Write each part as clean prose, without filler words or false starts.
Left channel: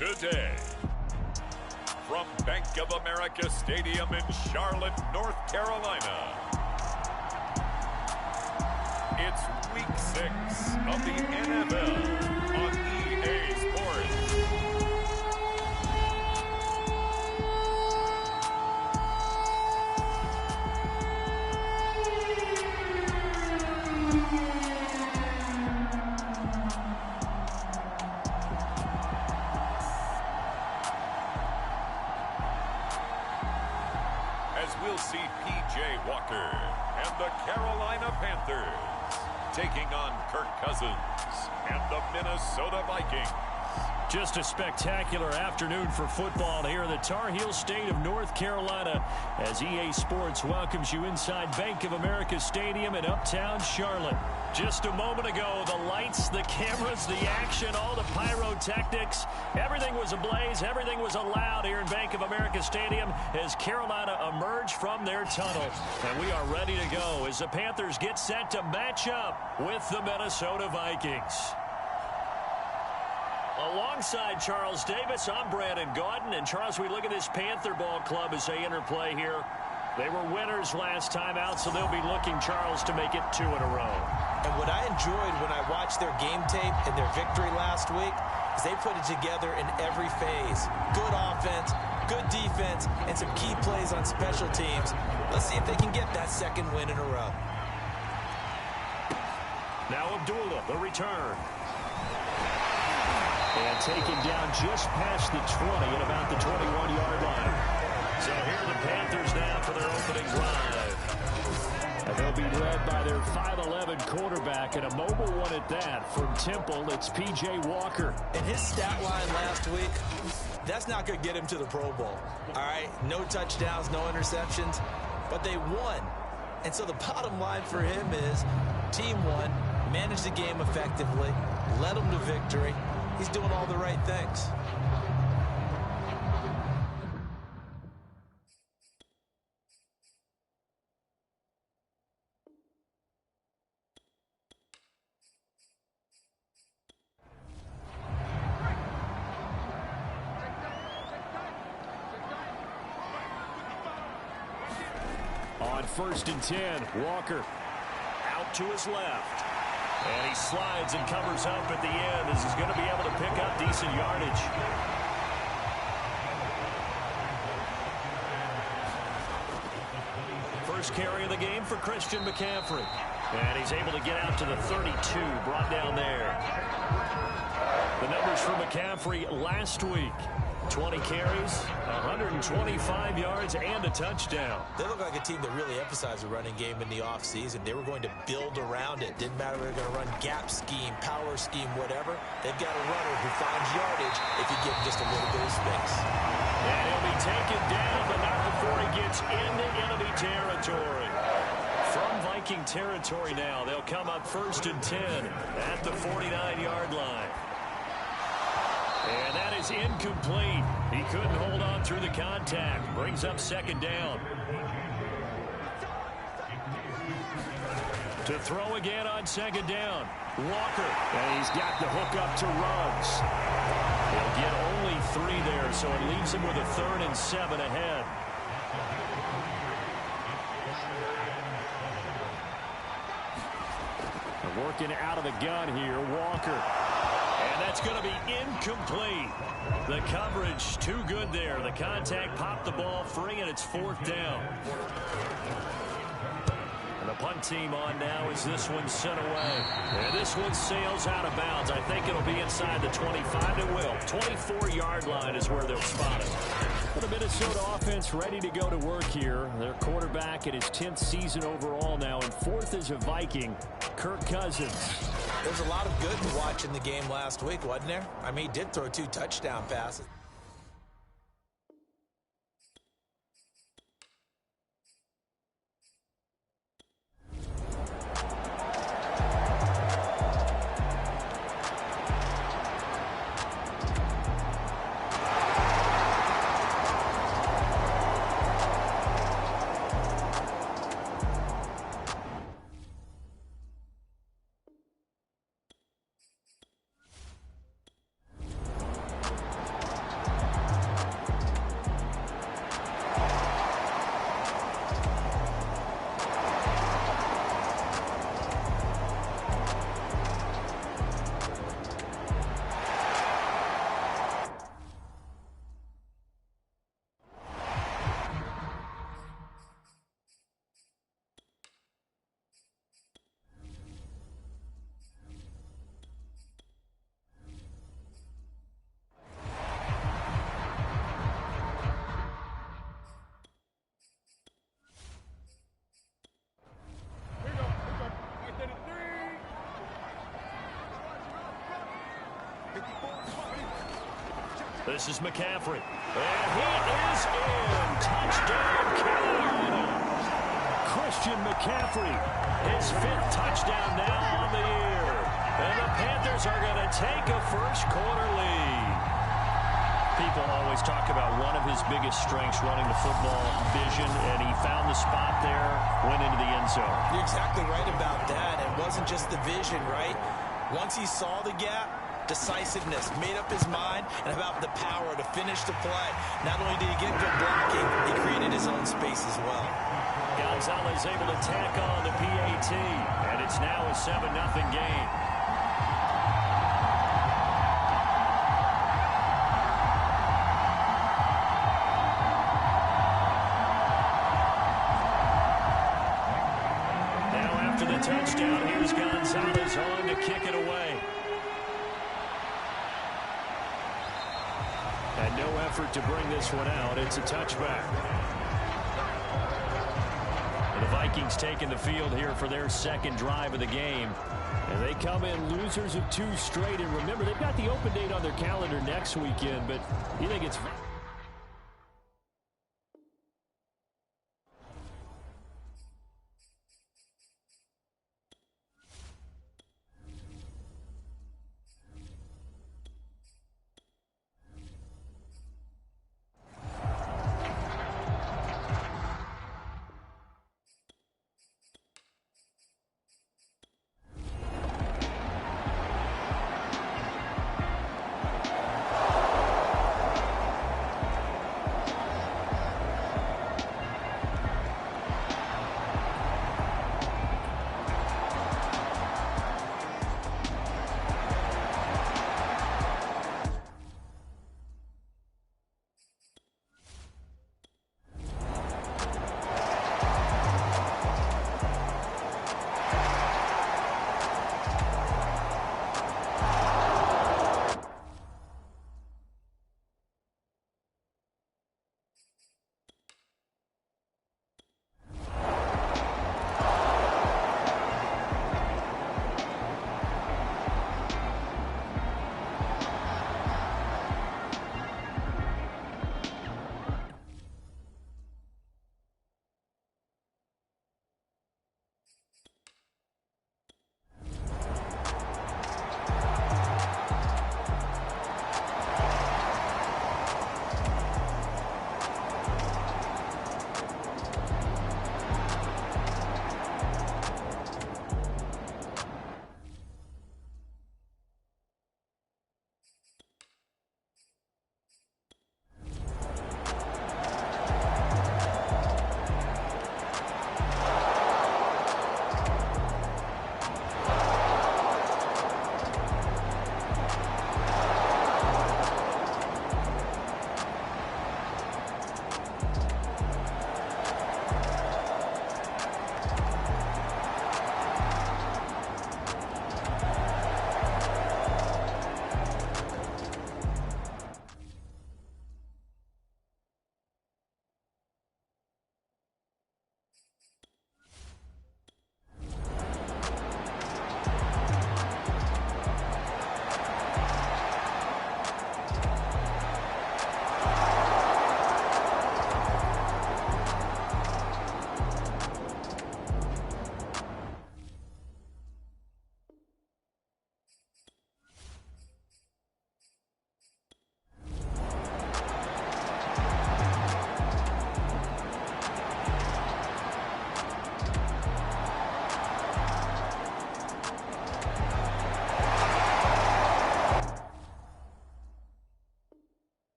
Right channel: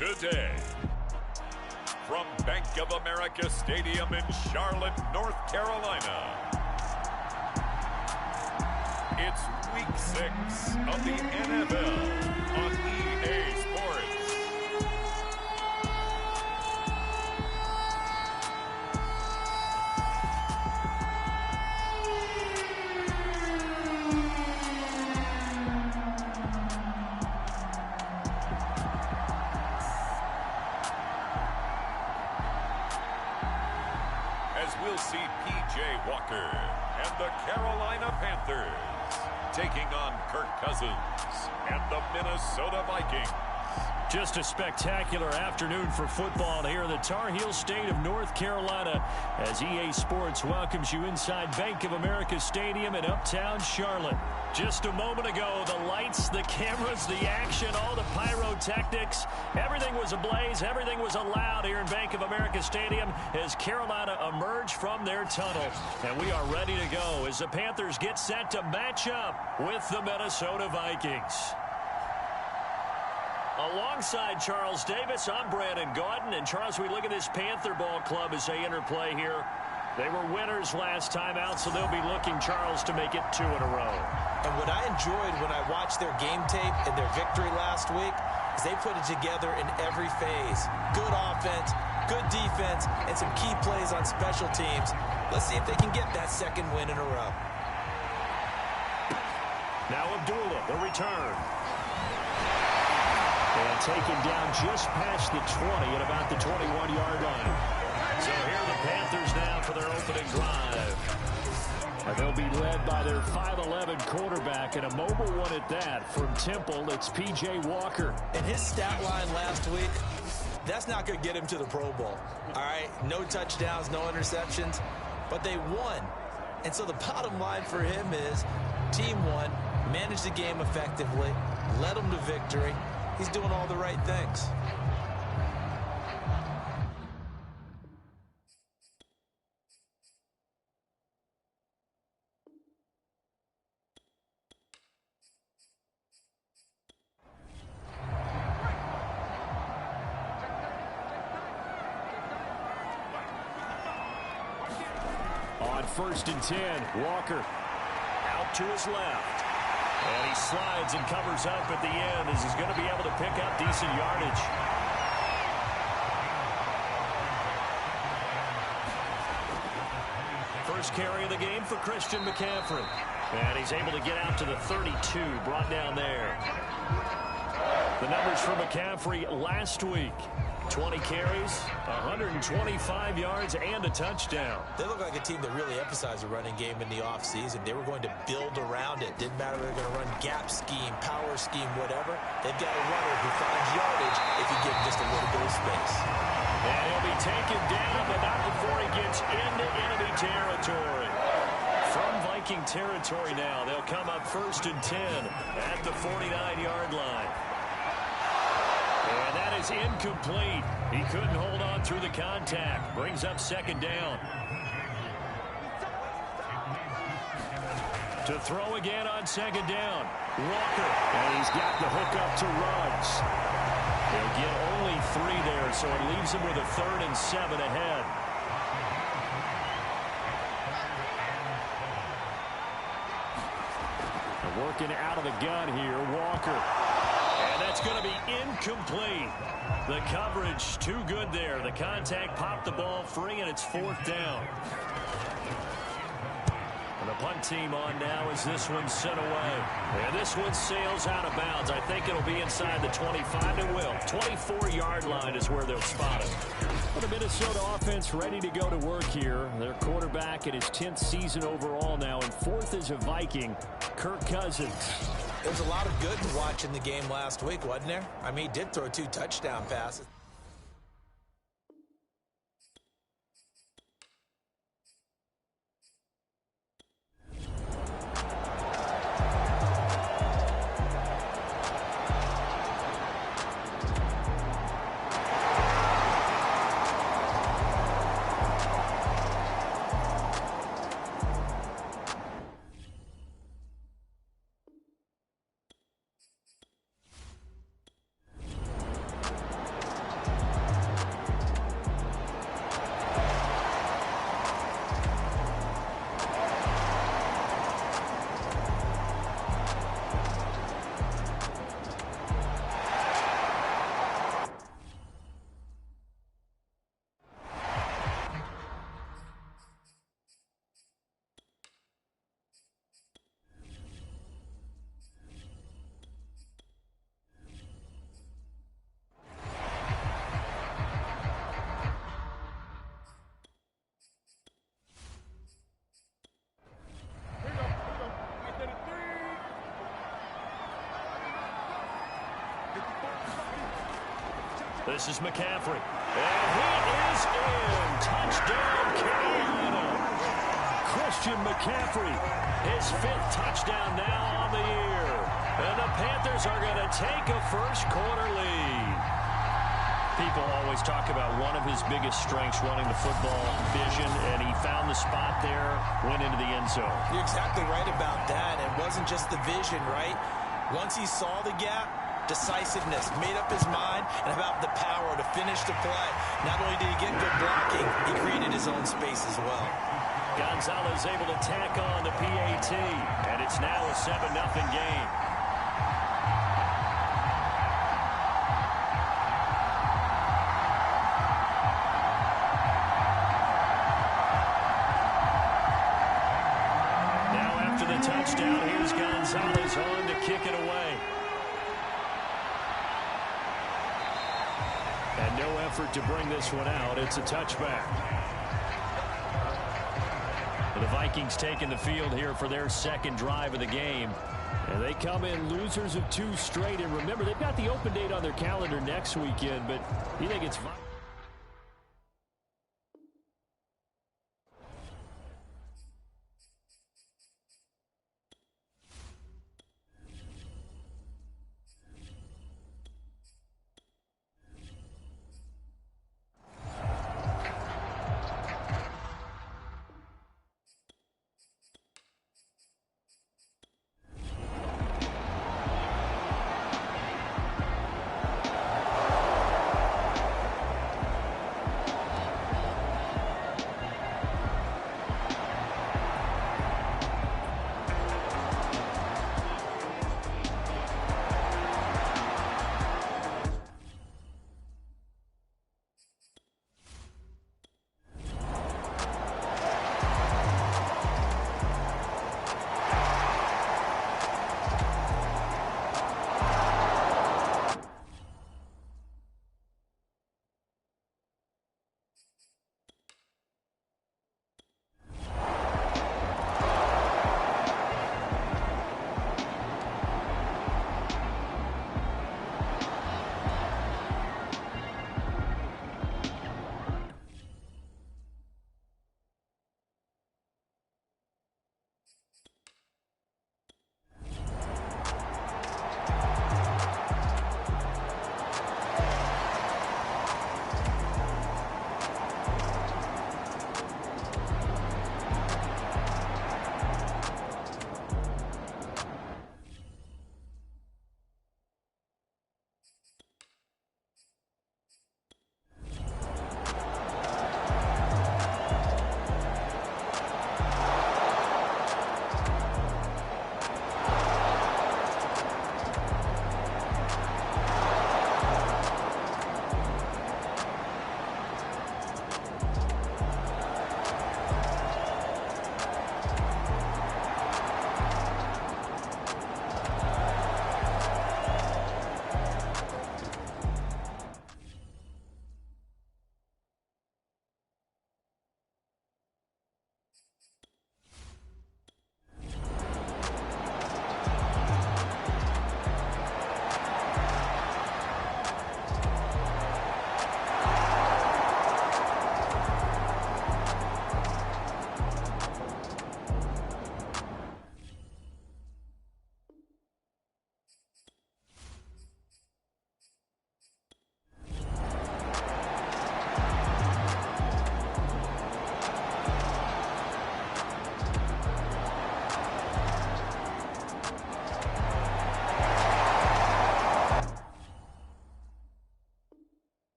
today. From Bank of America Stadium in Charlotte, North Carolina, it's Week 6 of the NFL on EA Sports. As we'll see P.J. Walker and the Carolina Panthers taking on Kirk Cousins and the Minnesota Vikings. Just a spectacular afternoon for football here in the Tar Heel state of North Carolina as EA Sports welcomes you inside Bank of America Stadium in Uptown Charlotte. Just a moment ago, the lights, the cameras, the action, all the pyrotechnics, everything was ablaze, everything was allowed here in Bank of America Stadium as Carolina emerged from their tunnel. And we are ready to go as the Panthers get set to match up with the Minnesota Vikings. Alongside Charles Davis, I'm Brandon Gaudin. And Charles, we look at this Panther ball club as they interplay here. They were winners last time out, so they'll be looking, Charles, to make it 2 in a row. And what I enjoyed when I watched their game tape and their victory last week is they put it together in every phase. Good offense, good defense, and some key plays on special teams. Let's see if they can get that second win in a row. Now Abdullah, the return. And taken down just past the 20 at about the 21-yard line. So here are the Panthers now for their opening drive. And they'll be led by their 5'11 quarterback and a mobile one at that. From Temple, it's P.J. Walker. And his stat line last week, that's not going to get him to the Pro Bowl. All right, no touchdowns, no interceptions, but they won. And so the bottom line for him is team won, managed the game effectively, led them to victory. He's doing all the right things. On 1st and 10, Walker out to his left. And he slides and covers up at the end as he's going to be able to pick up decent yardage. First carry of the game for Christian McCaffrey. And he's able to get out to the 32, brought down there. The numbers for McCaffrey last week. 20 carries, 125 yards, and a touchdown. They look like a team that really emphasized the running game in the offseason. They were going to build around it. Didn't matter if they were going to run gap scheme, power scheme, whatever. They've got a runner who finds yardage if you give him just a little bit of space. And he'll be taken down, but not before he gets into enemy territory. From Viking territory now, they'll come up 1st and 10 at the 49-yard line. And that is incomplete. He couldn't hold on through the contact. Brings up 2nd down. To throw again on 2nd down. Walker. And he's got the hook up to Ruggs. He'll get only 3 there, so it leaves him with a 3rd and 7 ahead. And working out of the gun here, Walker. And that's going to be incomplete. The coverage too good there. The contact popped the ball free, and it's 4th down. And the punt team on now as this one's sent away. And this one sails out of bounds. I think it'll be inside the 25. It will. 24-yard line is where they'll spot it. Well, the Minnesota offense ready to go to work here. Their quarterback in his 10th season overall now, and 4th as a Viking, Kirk Cousins. There was a lot of good to watch in the game last week, wasn't there? I mean, he did throw 2 touchdown passes. This is McCaffrey. And he is in. Touchdown, Carolina. Christian McCaffrey, his 5th touchdown now on the year. And the Panthers are going to take a first-quarter lead. People always talk about one of his biggest strengths running the football, vision, and he found the spot there, went into the end zone. You're exactly right about that. It wasn't just the vision, right? Once he saw the gap, decisiveness, made up his mind, and about the power to finish the play. Not only did he get good blocking, he created his own space as well. Gonzalez able to tack on the PAT, and it's now a 7-0 game. Now after the touchdown, here's Gonzalez on to kick it away. And no effort to bring this one out. It's a touchback. The Vikings taking the field here for their second drive of the game. And they come in losers of 2 straight. And remember, they've got the open date on their calendar next weekend. But you think it's...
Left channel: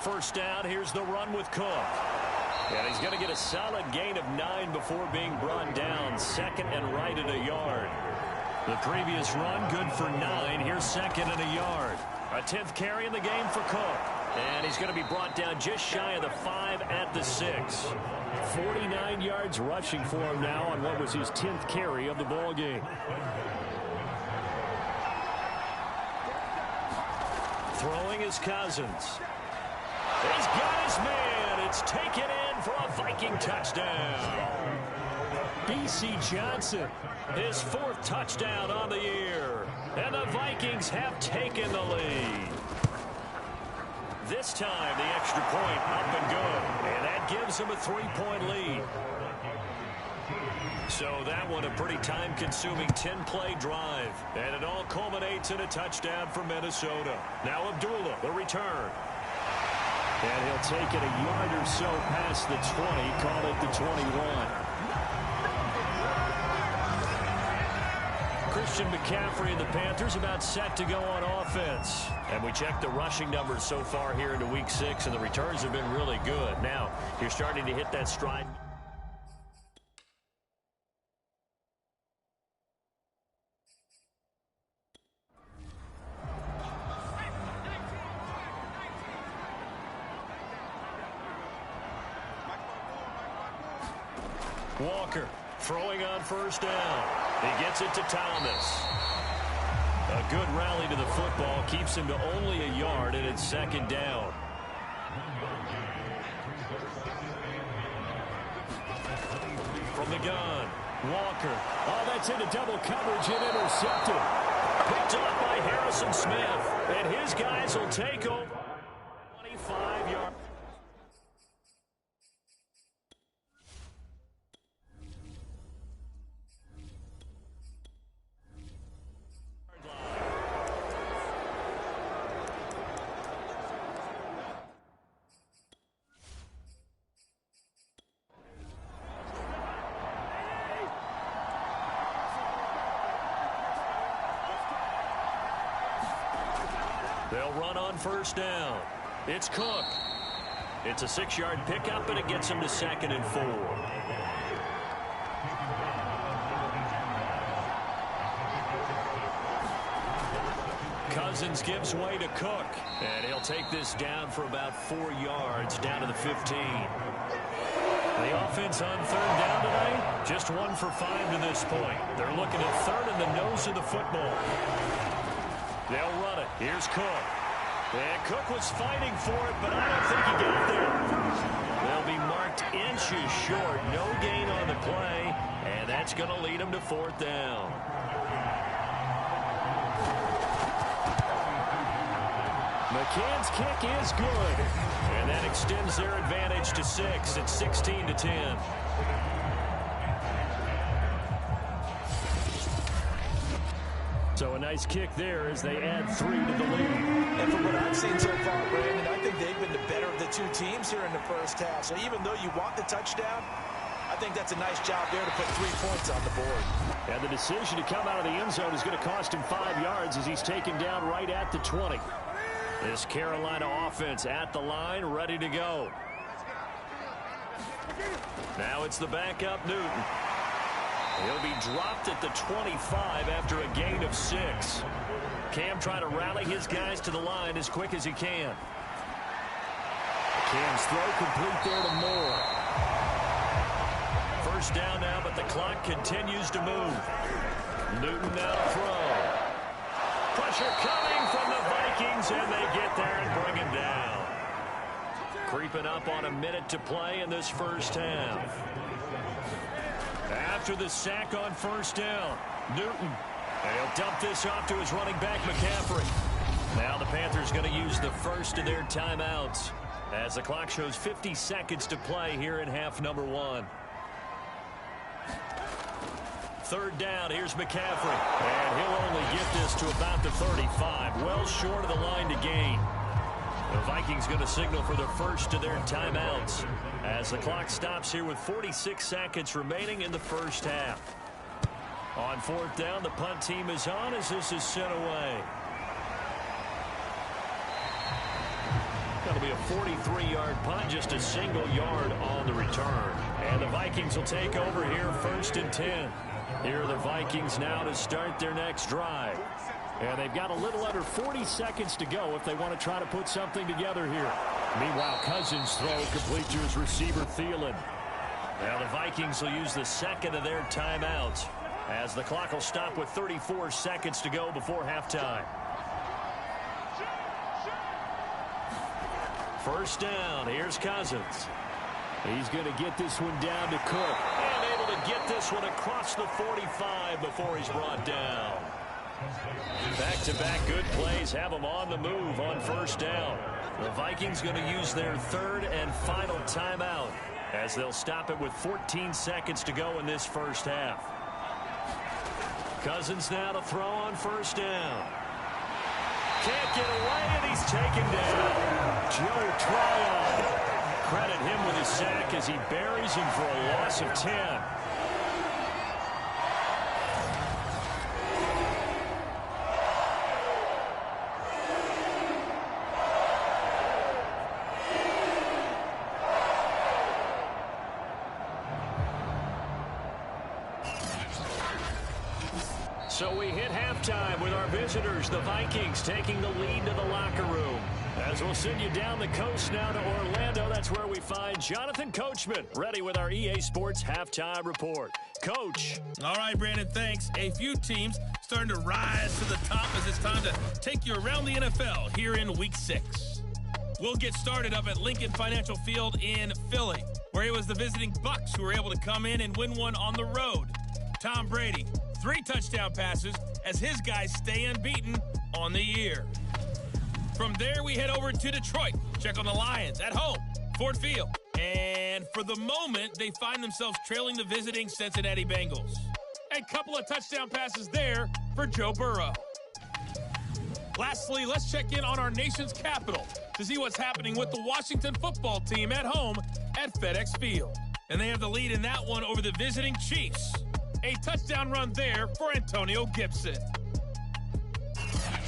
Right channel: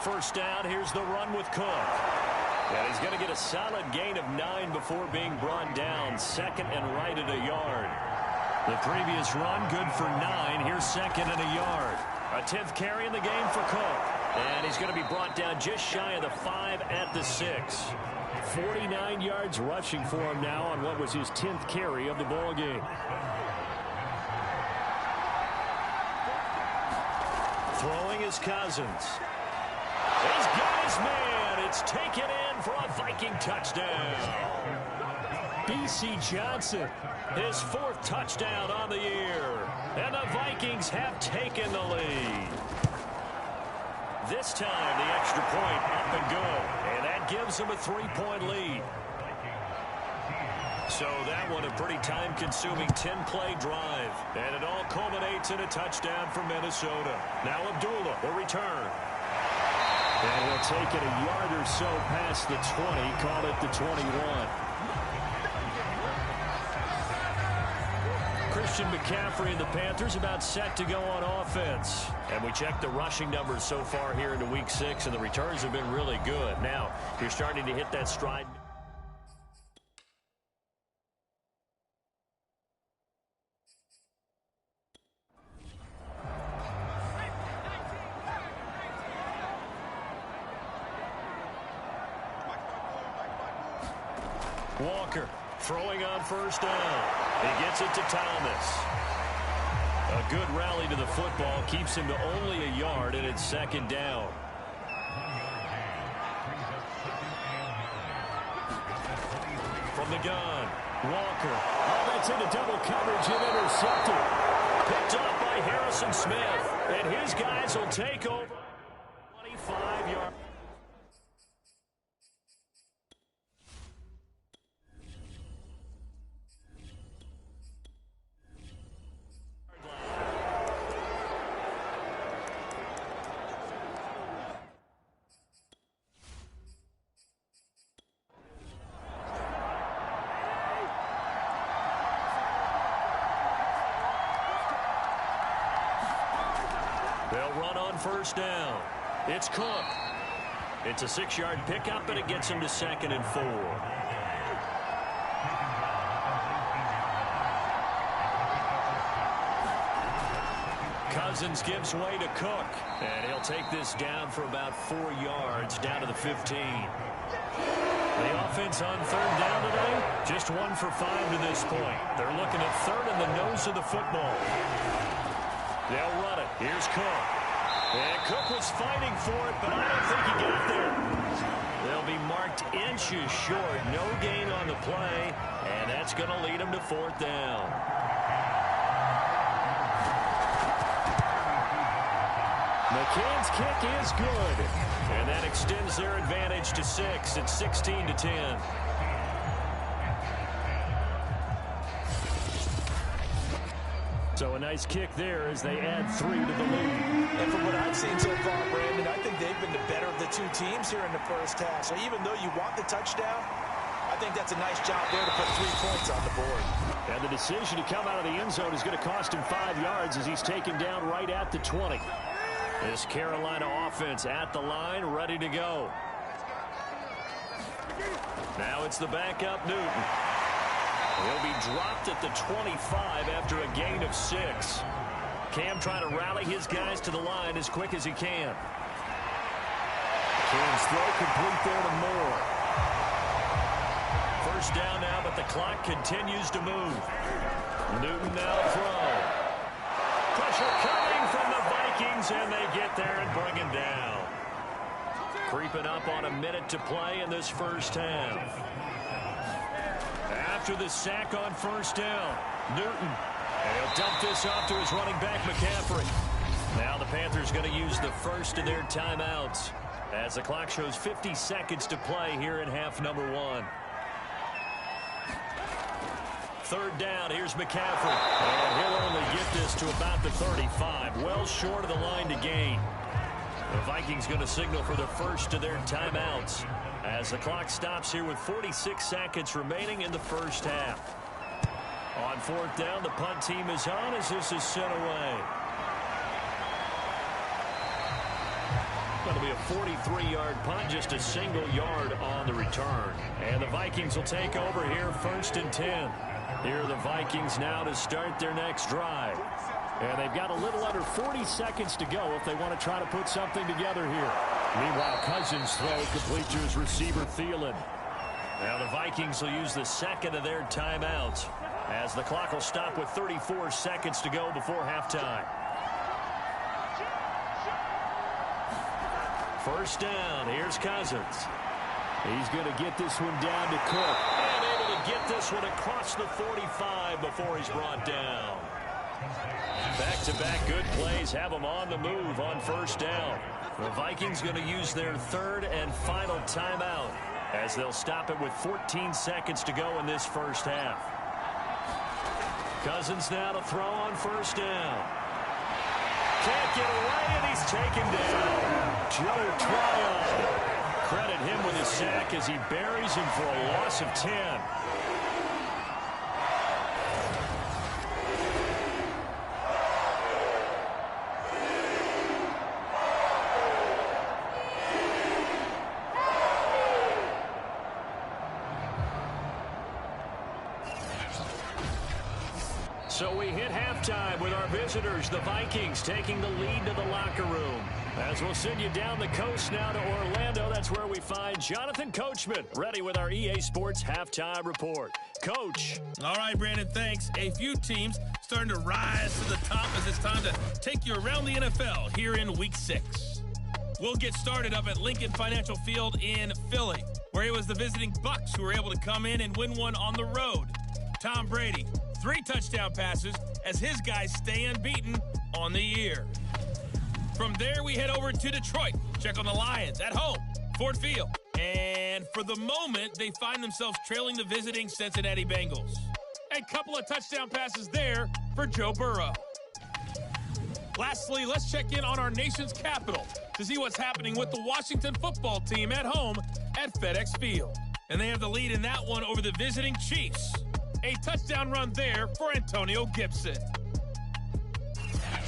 First down, here's the run with Cook. And he's going to get a solid gain of 9 before being brought down. Second and right at a yard. The previous run, good for 9. Here's second and a yard. A 10th carry in the game for Cook. And he's going to be brought down just shy of the 5 at the 6. 49 yards rushing for him now on what was his 10th carry of the ball game. Throwing is Cousins. He's got his man. It's taken in for a Viking touchdown. B.C. Johnson, his 4th touchdown on the year. And the Vikings have taken the lead. This time, the extra point up and good. And that gives them a 3-point lead. So that one a pretty time-consuming 10-play drive. And it all culminates in a touchdown for Minnesota. Now Abdullah, the return. And he'll take it a yard or so past the 20, call it the 21. Christian McCaffrey and the Panthers about set to go on offense. And we check the rushing numbers so far here into Week 6, and the returns have been really good. Now, you're starting to hit that stride. Walker throwing on first down. He gets it to Thomas. A good rally to the football keeps him to only a yard, and it's second down. From the gun, Walker. Oh, that's into double coverage and intercepted. Picked off by Harrison Smith. And his guys will take over 25 yards. They'll run on first down. It's Cook. It's a 6-yard pickup, and it gets him to 2nd and 4. Cousins gives way to Cook, and he'll take this down for about 4 yards, down to the 15. The offense on 3rd down today, just 1 for 5 to this point. They're looking at 3rd in the nose of the football. They'll run it. Here's Cook. And Cook was fighting for it, but I don't think he got there. They'll be marked inches short. No gain on the play, and that's going to lead them to 4th down. McCann's kick is good, and that extends their advantage to 6. It's 16-10. So a nice kick there as they add 3 to the lead. And from what I've seen so far, Brandon, I think they've been the better of the 2 teams here in the first half. So even though you want the touchdown, I think that's a nice job there to put 3 points on the board. And the decision to come out of the end zone is going to cost him 5 yards as he's taken down right at the 20. This Carolina offense at the line, ready to go. Now it's the backup Newton. He'll be dropped at the 25 after a gain of 6. Cam trying to rally his guys to the line as quick as he can. Cam's throw complete there to Moore. First down now, but the clock continues to move. Newton now to throw. Pressure coming from the Vikings, and they get there and bring him down. Creeping up on a minute to play in this first half. After the sack on first down, Newton. And he'll dump this off to his running back, McCaffrey. Now the Panthers going to use the first of their timeouts as the clock shows 50 seconds to play here in half number 1. 3rd down, here's McCaffrey. And he'll only get this to about the 35, well short of the line to gain. The Vikings going to signal for the first of their timeouts as the clock stops here with 46 seconds remaining in the first half. On 4th down, the punt team is on as this is sent away. It'll be a 43-yard punt, just a single yard on the return. And the Vikings will take over here, 1st and 10. Here are the Vikings now to start their next drive. And they've got a little under 40 seconds to go if they want to try to put something together here. Meanwhile, Cousins' throw complete to his receiver, Thielen. Now the Vikings will use the second of their timeouts as the clock will stop with 34 seconds to go before halftime. First down, here's Cousins. He's going to get this one down to Cook. And able to get this one across the 45 before he's brought down. Back-to-back good plays have them on the move on first down. The Vikings going to use their third and final timeout as they'll stop it with 14 seconds to go in this first half. Cousins now to throw on first down. Can't get away, and he's taken down. Joe Tryon. Credit him with his sack as he buries him for a loss of 10. So we hit halftime with our visitors, the Vikings, taking the lead to the locker room. As we'll send you down the coast now to Orlando, that's where we find Jonathan Coachman, ready with our EA Sports Halftime Report. Coach. All right, Brandon, thanks. A few teams starting to rise to the top as it's time to take you around the NFL here in Week 6. We'll get started up at Lincoln Financial Field in Philly, where it was the visiting Bucs who were able to come in and win one on the road. Tom Brady, 3 touchdown passes as his guys stay unbeaten on the year. From there, we head over to Detroit. Check on the Lions at home, Ford Field. And for the moment, they find themselves trailing the visiting Cincinnati Bengals. A couple of touchdown passes there for Joe Burrow. Lastly, let's check in on our nation's capital to see what's happening with the Washington football team at home at FedEx Field. And they have the lead in that one over the visiting Chiefs. A touchdown run there for Antonio Gibson.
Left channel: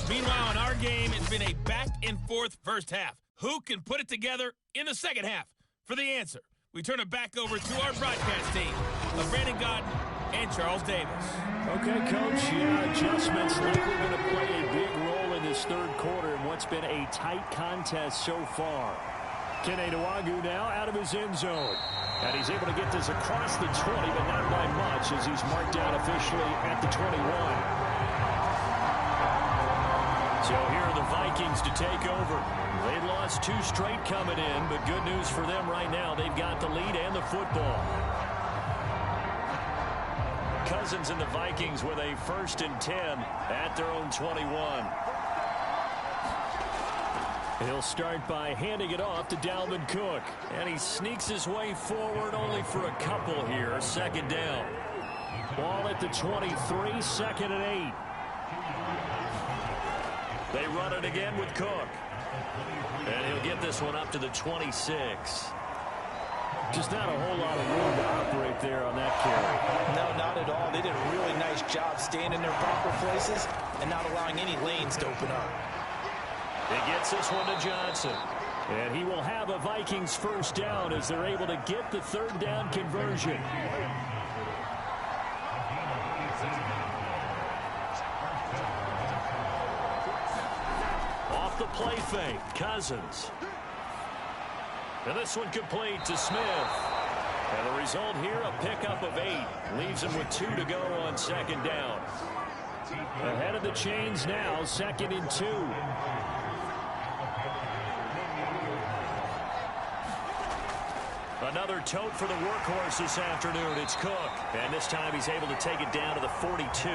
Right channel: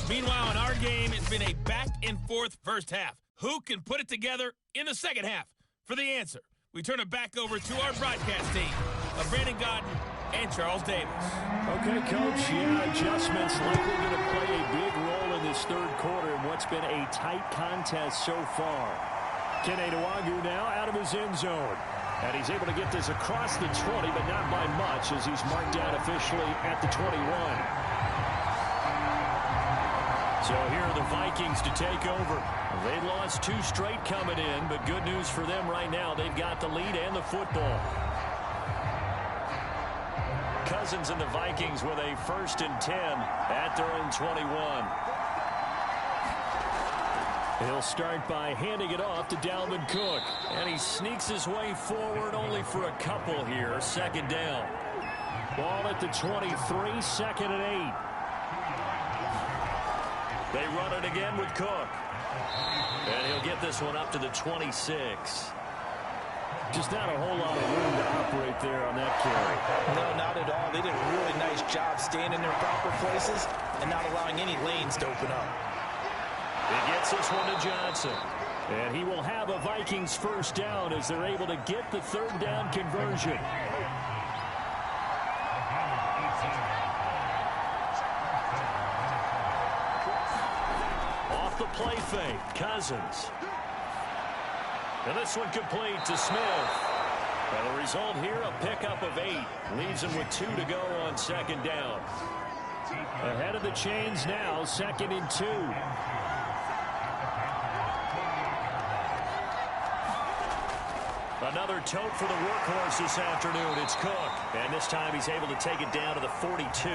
Meanwhile, in our game, it's been a back-and-forth first half. Who can put it together in the second half? For the answer, we turn it back over to our broadcast team of Brandon Godden and Charles Davis. Okay, Coach, adjustments likely going to play a big role in this third quarter in what's been a tight contest so far. Kene Nwangwu now out of his end zone. And he's able to get this across the 20, but not by much as he's marked down officially at the 21. So here are the Vikings to take over. They lost 2 straight coming in, but good news for them right now. They've got the lead and the football. Cousins and the Vikings with a 1st and 10 at their own 21. He'll start by handing it off to Dalvin Cook. And he sneaks his way forward only for a couple here. Second down. Ball at the 23, 2nd and 8. They run it again with Cook. And he'll get this one up to the 26. Just not a whole lot of room to operate there on that carry. No, not at all. They did a really nice job staying in their proper places and not allowing any lanes to open up. He gets this one to Johnson. And he will have a Vikings first down as they're able to get the 3rd down conversion. Off the play fake, Cousins. And this one complete to Smith. And the result here, a pickup of 8. Leaves him with 2 to go on 2nd down. Ahead of the chains now, 2nd and 2. Another tote for the workhorse this afternoon. It's Cook. And this time he's able to take it down to the 42.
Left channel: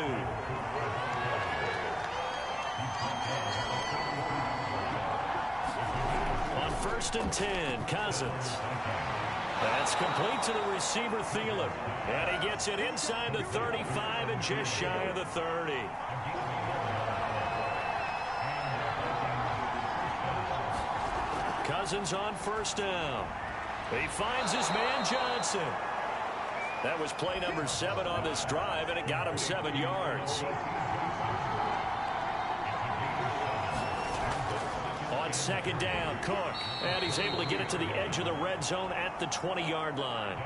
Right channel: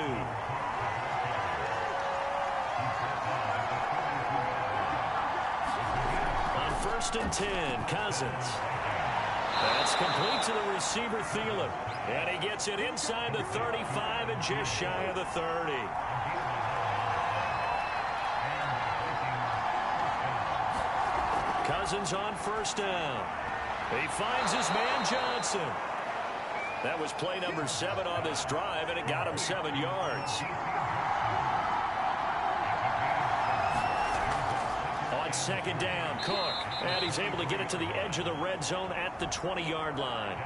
On 1st and 10, Cousins. That's complete to the receiver, Thielen. And he gets it inside the 35 and just shy of the 30. Cousins on 1st down. He finds his man Johnson. That was play number 7 on this drive, and it got him 7 yards. On second down, Cook. And he's able to get it to the edge of the red zone at the 20-yard line.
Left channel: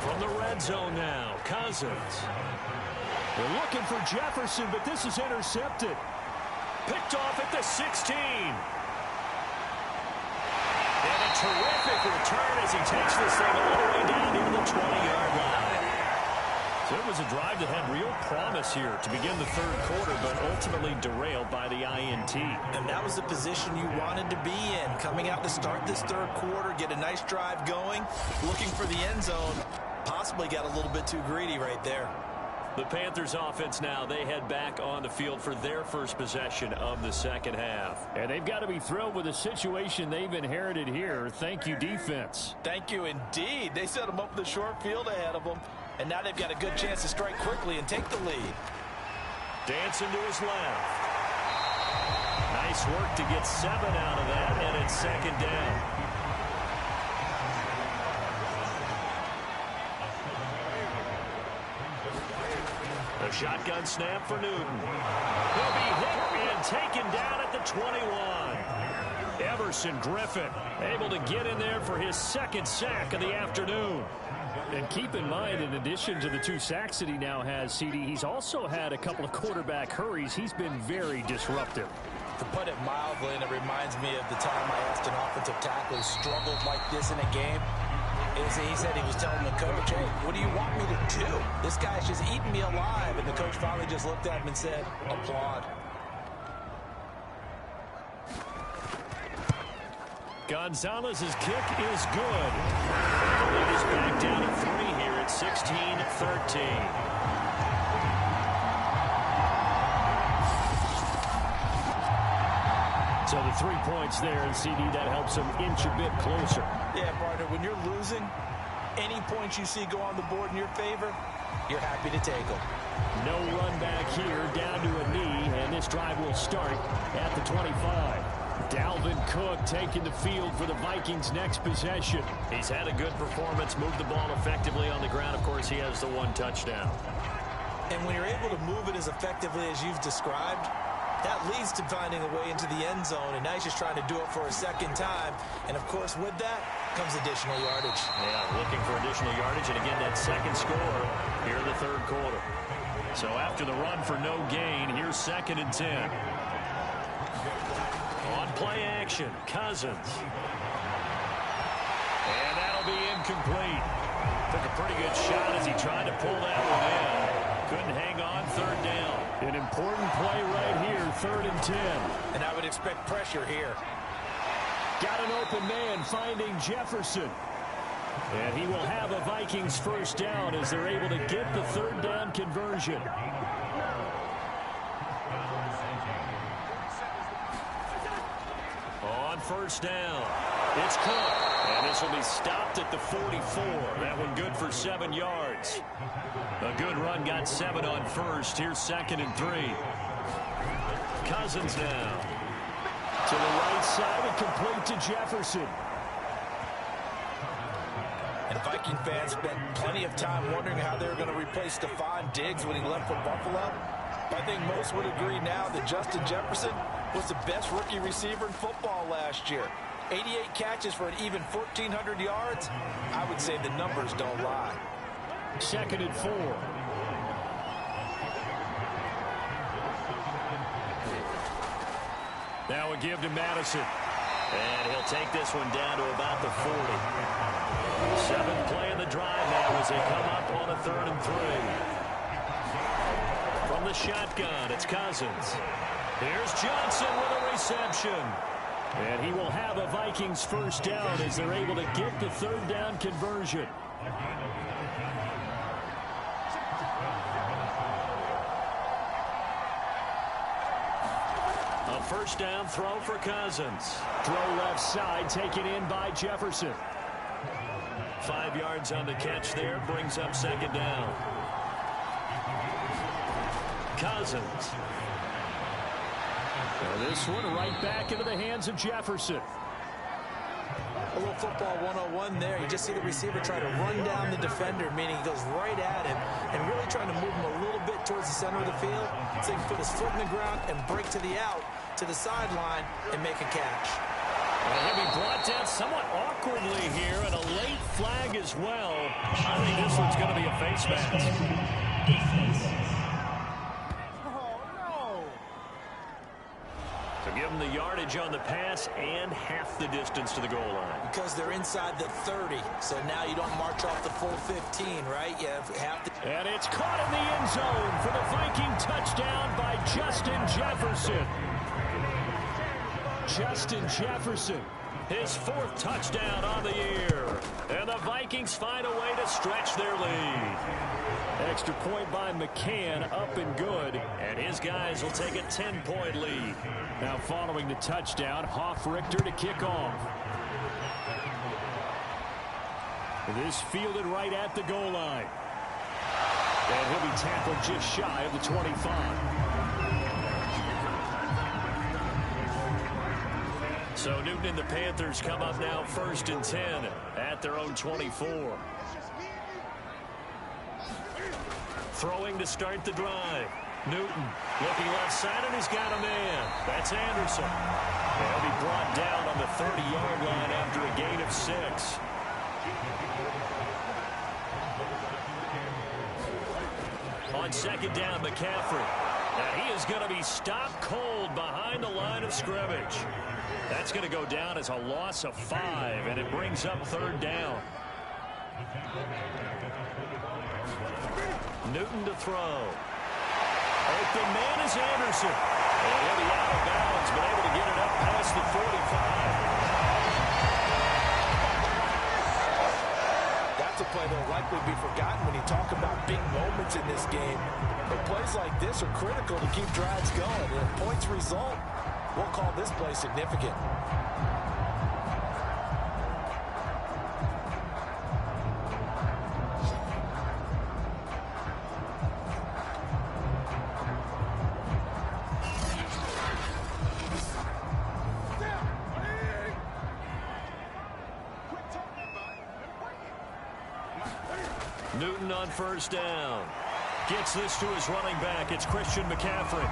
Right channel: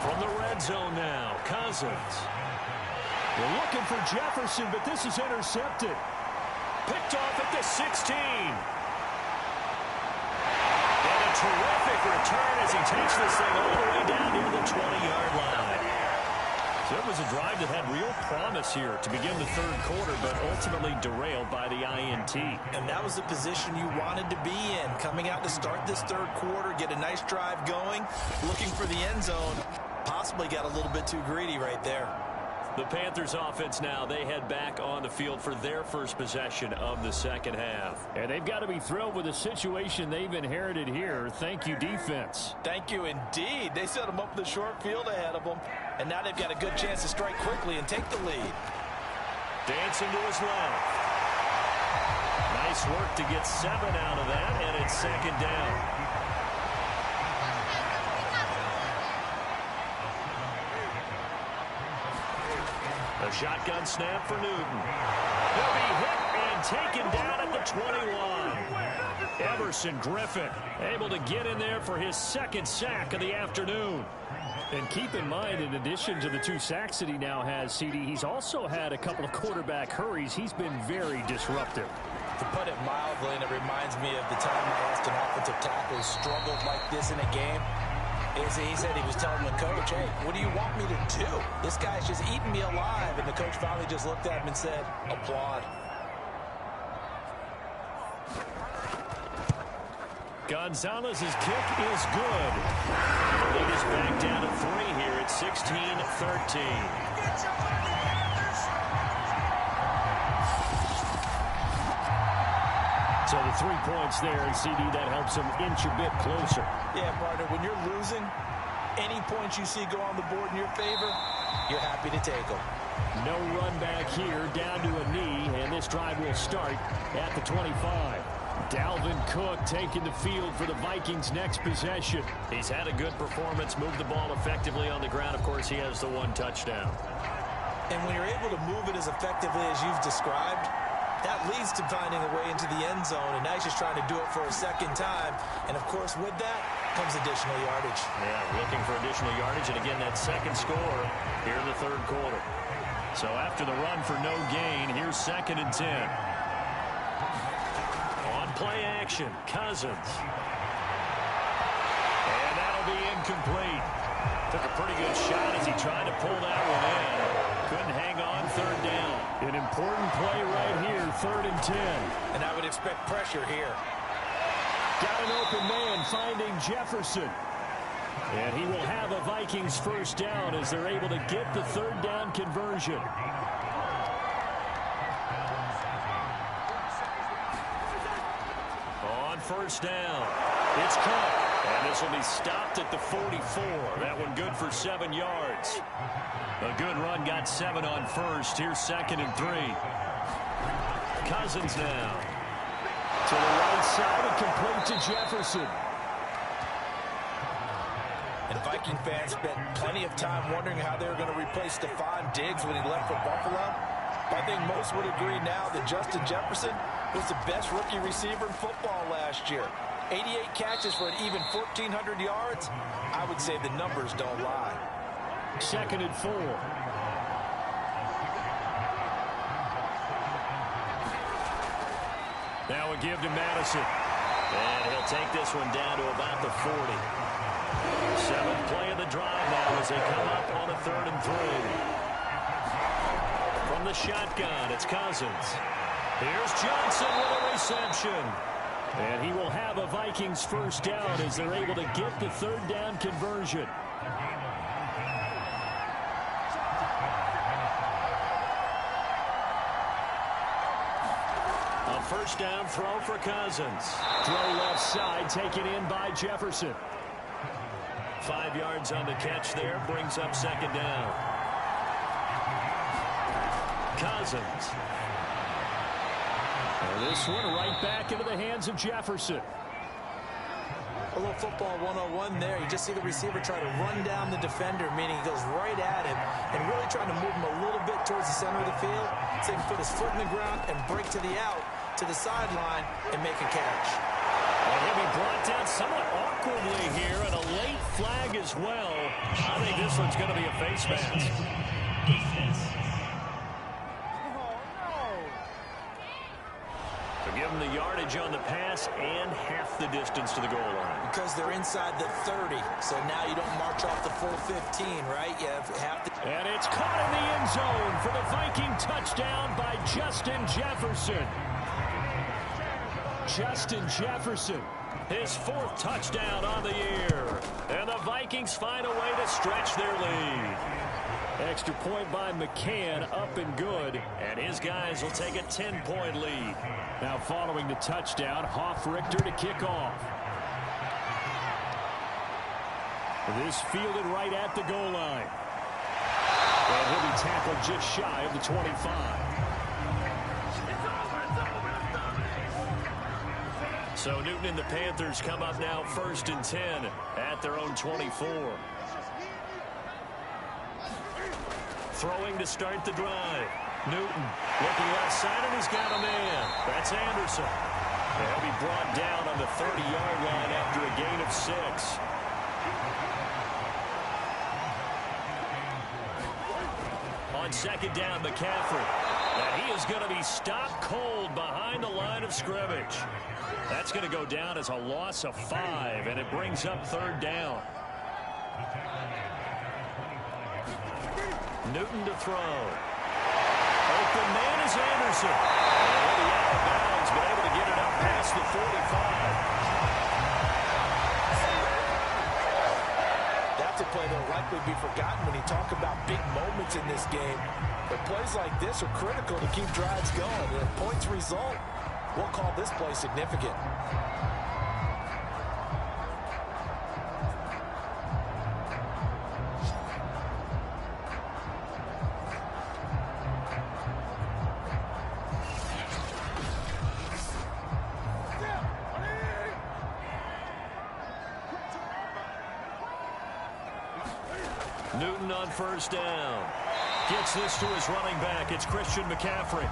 From the red zone now, Cousins. They're looking for Jefferson, but this is intercepted. Picked off at the 16. And a terrific return as he takes this thing all the way down near the 20-yard line. So it was a drive that had real promise here to begin the third quarter, but ultimately derailed by the INT. And that was the position you wanted to be in. Coming out to start this third quarter, get a nice drive going, looking for the end zone. Possibly got a little bit too greedy right there. The Panthers offense now, they head back on the field for their first possession of the second half. And they've got to be thrilled with the situation they've inherited here. Thank you, defense. Thank you, indeed. They set them up in the short field ahead of them, and now they've got a good chance to strike quickly and take the lead. Dancing to his left. Nice work to get 7 out of that, and it's second down. A shotgun snap for Newton. He'll be hit and taken down at the 21. Everson Griffin able to get in there for his second sack of the afternoon. And keep in mind, in addition to the 2 sacks that he now has, CD, he's also had a couple of quarterback hurries. He's been very disruptive. To put it mildly, and it reminds me of the time I asked an offensive tackle who struggled like this in a game. He said he was telling the coach, hey, what do you want me to do? This guy's just eating me alive. And the coach finally just looked at him and said, applaud. Gonzalez's kick is good. And the lead is back down to 3 here at 16-13. So the 3 points there, and CD, that helps them inch a bit closer. Yeah, partner, when you're losing, any points you see go on the board in your favor, you're happy to take them. No run back here, down to a knee, and this drive will start at the 25. Dalvin Cook taking the field for the Vikings' next possession. He's had a good performance, moved the ball effectively on the ground. Of course, he has the 1 touchdown. And when you're able to move it as effectively as you've described, that leads to finding a way into the end zone, and now he's just trying to do it for a second time. And, of course, with that comes additional yardage. Yeah, looking for additional yardage, and again, that second score here in the third quarter. So after the run for no gain, here's 2nd and 10. On play action, Cousins. And that'll be incomplete. Took a pretty good shot as he tried to pull that one in. Couldn't hang on, 3rd down. An important play right here, 3rd and 10. And I would expect pressure here. Got an open man finding Jefferson. And he will have a Vikings first down as they're able to get the 3rd down conversion. On first down, it's Cook. And this will be stopped at the 44. That one good for 7 yards. A good run, got 7 on first. Here's 2nd and 3. Cousins now. To the right side and complete to Jefferson. And Viking fans spent plenty of time wondering how they were going to replace Stephon Diggs when he left for Buffalo. But I think most would agree now that Justin Jefferson was the best rookie receiver in football last year. 88 catches for an even 1,400 yards. I would say the numbers don't lie. 2nd and 4. Now a give to Madison. And he'll take this one down to about the 40. 7th play of the drive now as they come up on a 3rd and 3. From the shotgun, it's Cousins. Here's Johnson with a reception. And he will have a Vikings first down as they're able to get the 3rd down conversion. A first down throw for Cousins. Throw left side, taken in by Jefferson. 5 yards on the catch there, brings up 2nd down. Cousins. And this one right back into the hands of Jefferson. A little football 101 there. You just see the receiver try to run down the defender, meaning he goes right at him and really trying to move him a little bit towards the center of the field so he can put his foot in the ground and break to the out, to the sideline, and make a catch. And he'll be brought down somewhat awkwardly here, and a late flag as well. I think this one's going to be a face mask. So give them the yardage on the pass and half the distance to the goal line. Because they're inside the 30, so now you don't march off the full 15, right? You have half the... And it's caught in the end zone for the Viking touchdown by Justin Jefferson. Justin Jefferson, his 4th touchdown on the year. And the Vikings find a way to stretch their lead. Extra point by McCann, up and good. And his guys will take a 10-point lead. Now following the touchdown, Hoff-Richter to kick off. This fielded right at the goal line. And he'll be tackled just shy of the 25. So Newton and the Panthers come up now 1st and 10 at their own 24. Throwing to start the drive. Newton looking left side, and he's got a man. That's Anderson. They'll be brought down on the 30-yard line after a gain of 6. On 2nd down, McCaffrey. And he is going to be stopped cold behind the line of scrimmage. That's going to go down as a loss of 5, and it brings up 3rd down. Newton to throw. Open man is Anderson. And he'll be out of bounds, but able to get it up past the 45. That's a play that will likely be forgotten when you talk about big moments in this game. But plays like this are critical to keep drives going. And if points result, we'll call this play significant. Newton on 1st down. Gets this to his running back. It's Christian McCaffrey.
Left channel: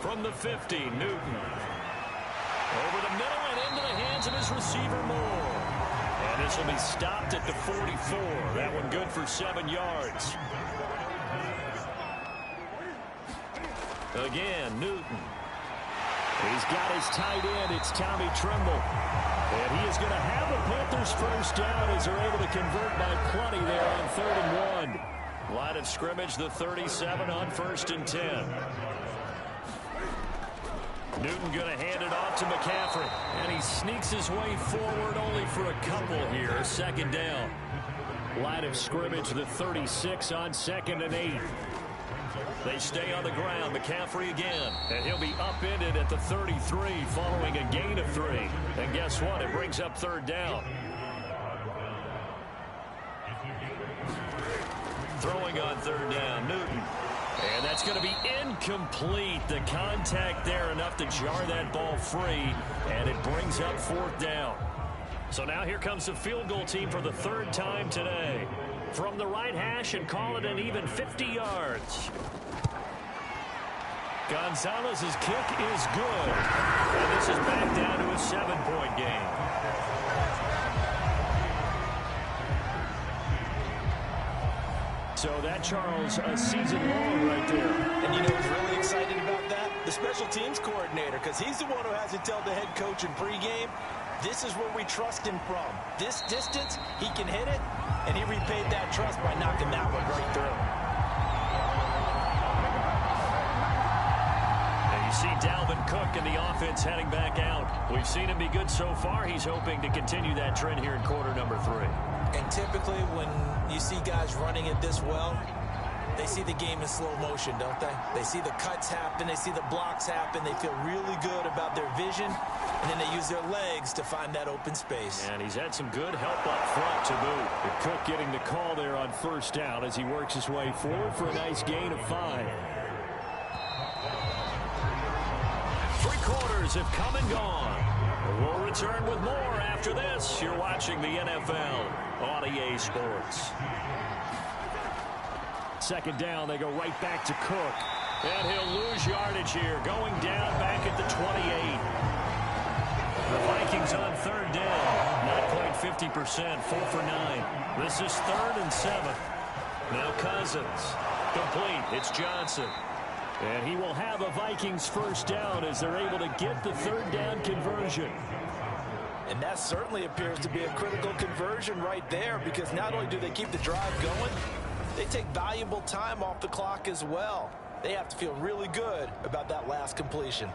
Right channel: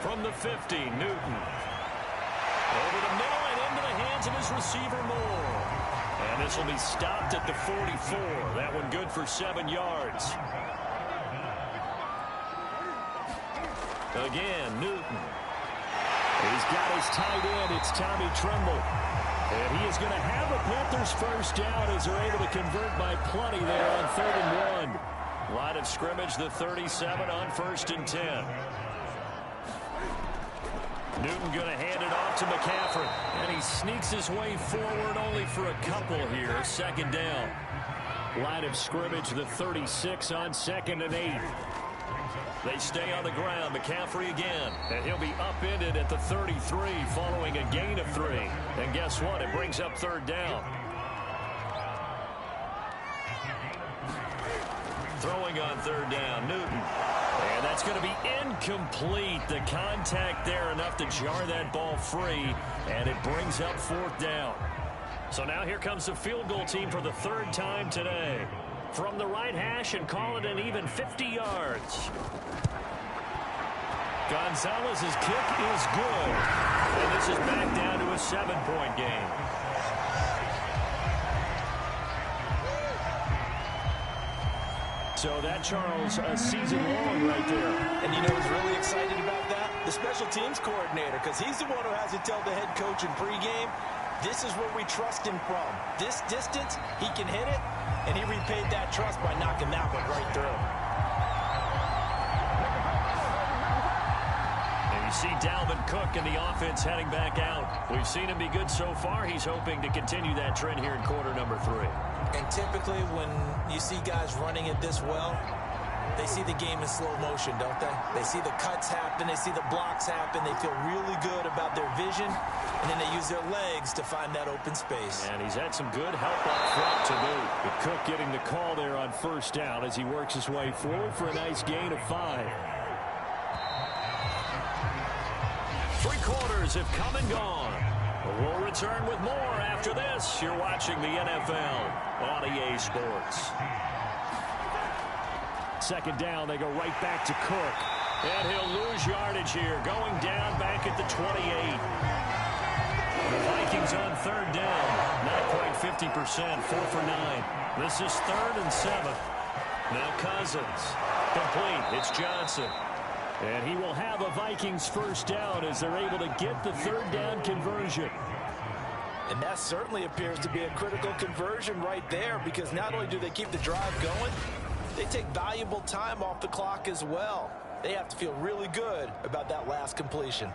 From the 50, Newton. Over the middle and into the hands of his receiver, Moore. And this will be stopped at the 44. That one good for 7 yards. Again, Newton. He's got his tight end. It's Tommy Tremble. And he is going to have the Panthers 1st down as they're able to convert by plenty there on 3rd and 1. Line of scrimmage, the 37 on 1st and 10. Newton going to hand it off to McCaffrey. And he sneaks his way forward only for a couple here. 2nd down. Line of scrimmage, the 36 on 2nd and 8. They stay on the ground. McCaffrey again. And he'll be upended at the 33 following a gain of 3. And guess what? It brings up 3rd down. Throwing on 3rd down, Newton. And that's going to be incomplete. The contact there enough to jar that ball free. And it brings up 4th down. So now here comes the field goal team for the 3rd time today. From the right hash and call it an even 50 yards. Gonzalez's kick is good. And this is back down to a 7-point game. So that, Charles, a season long right there. And you know who's really excited about that? The special teams coordinator, because he's the one who has to tell the head coach in pregame, this is where we trust him from. This distance, he can hit it, and he repaid that trust by knocking that one right through. And you see Dalvin Cook and the offense heading back out. We've seen him be good so far. He's hoping to continue that trend here in quarter number 3. And typically when you see guys running it this well, They see the game in slow motion, don't they? They see the cuts happen. They see the blocks happen. They feel really good about their vision, and then they use their legs to find that open space. And he's had some good help up front to boot. The Cook getting the call there on first down as he works his way forward for a nice gain of 5. 3 quarters have come and gone. We'll return with more after this. You're watching the NFL on EA Sports. Second down, they go right back to Cook. And he'll lose yardage here, going down back at the 28. The Vikings on third down. Not quite 50%, 4 for 9. This is 3rd and 7. Now Cousins. Complete. It's Johnson. And he will have a Vikings first down as they're able to get the third down conversion. And that certainly appears to be a critical conversion right there, because not only do they keep the drive going, they take valuable time off the clock as well. They have to feel really good about that last completion.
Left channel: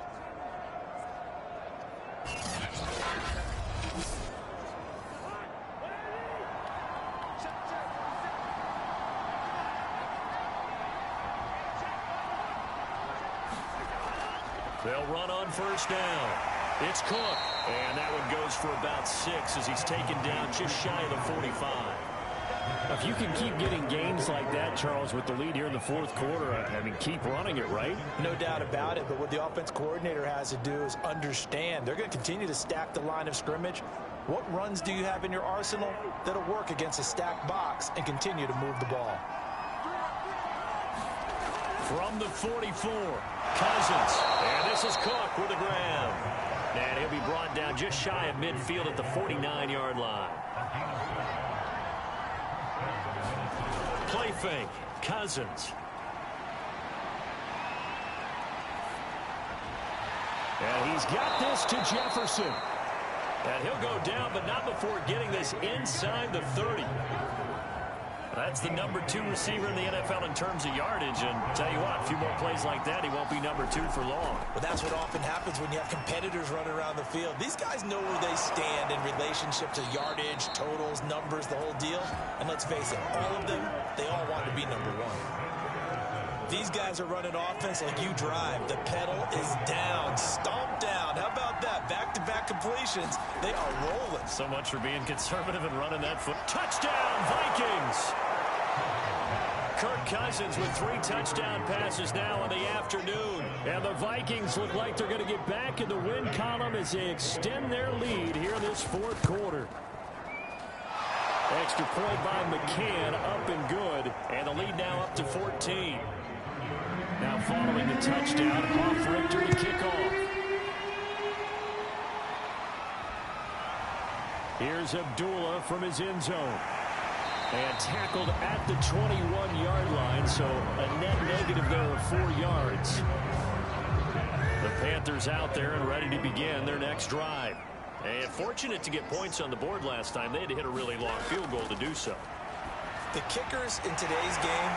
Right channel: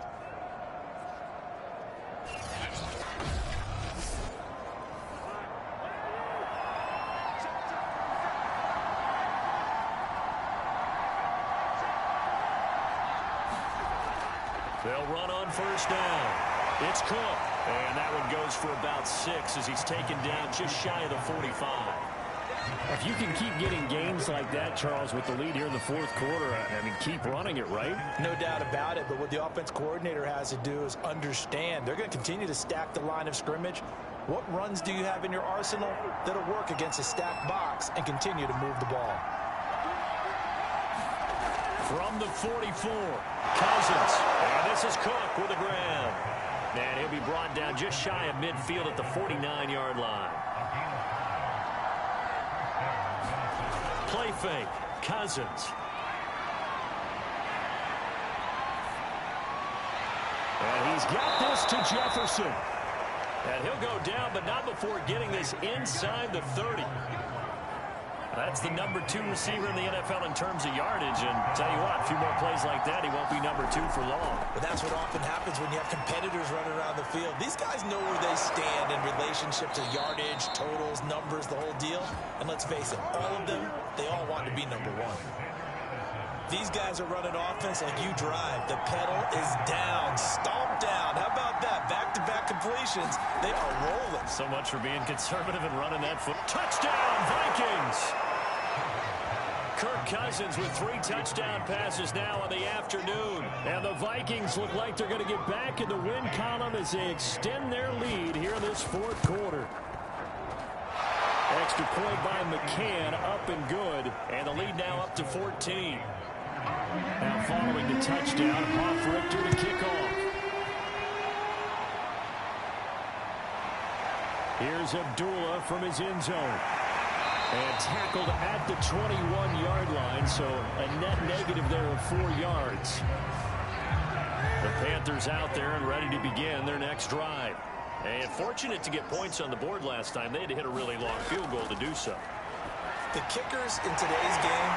They'll run on first down. It's Cook. And that one goes for about 6 as he's taken down just shy of the 45. If you can keep getting gains like that, Charles, with the lead here in the fourth quarter, I mean, keep running it, right? No doubt about it, but what the offense coordinator has to do is understand. They're going to continue to stack the line of scrimmage. What runs do you have in your arsenal that'll work against a stacked box and continue to move the ball? From the 44, Cousins. And this is Cook with a grab. And he'll be brought down just shy of midfield at the 49-yard line. Play fake. Cousins. And he's got this to Jefferson. And he'll go down, but not before getting this inside the 30. That's the number 2 receiver in the NFL in terms of yardage. And tell you what, a few more plays like that, he won't be number 2 for long. Well, that's what often happens when you have competitors running around the field. These guys know where they stand in relationship to yardage, totals, numbers, the whole deal. And let's face it, all of them, they all want to be number 1. These guys are running offense like you drive. The pedal is down, stomp down. How about that? Back-to-back completions. They are rolling. So much for being conservative and running that foot. Touchdown, Vikings! Kirk Cousins with 3 touchdown passes now in the afternoon. And the Vikings look like they're going to get back in the win column as they extend their lead here in this fourth quarter. Extra point by McCann, up and good. And the lead now up to 14. Now following the touchdown, Hoff-Richter to kick off. Here's Abdullah from his end zone. And tackled at the 21-yard line, so a net negative there of 4 yards. The Panthers out there and ready to begin their next drive. And fortunate to get points on the board last time. They had to hit a really long field goal to do so. The kickers in today's game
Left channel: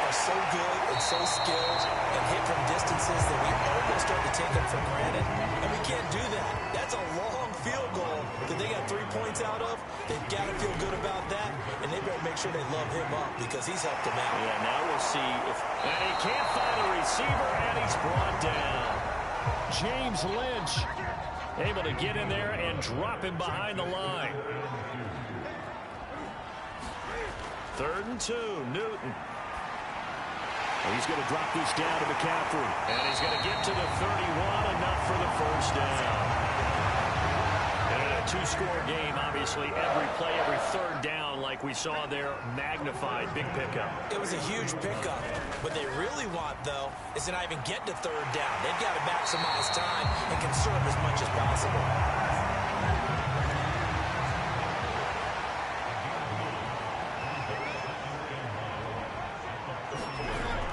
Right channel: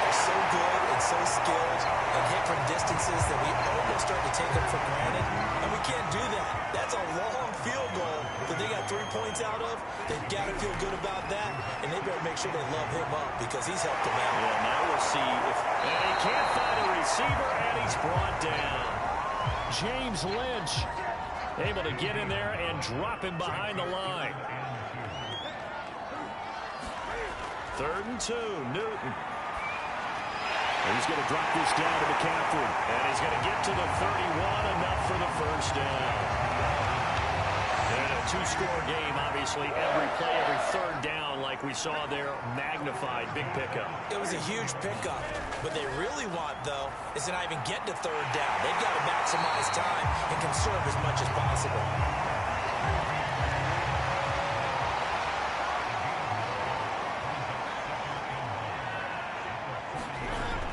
are so good and so skilled and hit from distances that we almost start to take them for granted, and we can't do that. That's a long field goal that they got 3 points out of. They've got to feel good about that, and they better make sure they love him up because he's helped them out. Yeah, now we'll see if... And he can't find a receiver, and he's brought down. James Lynch able to get in there and drop him behind the line. 3rd and 2, Newton. And he's going to drop this down to McCaffrey. And he's going to get to the 31, enough for the first down. And in a 2-score game, obviously, every play, every 3rd down, like we saw there, magnified. Big pickup. It was a huge pickup. What they really want, though, is to not even get to 3rd down. They've got to maximize time and conserve as much as possible.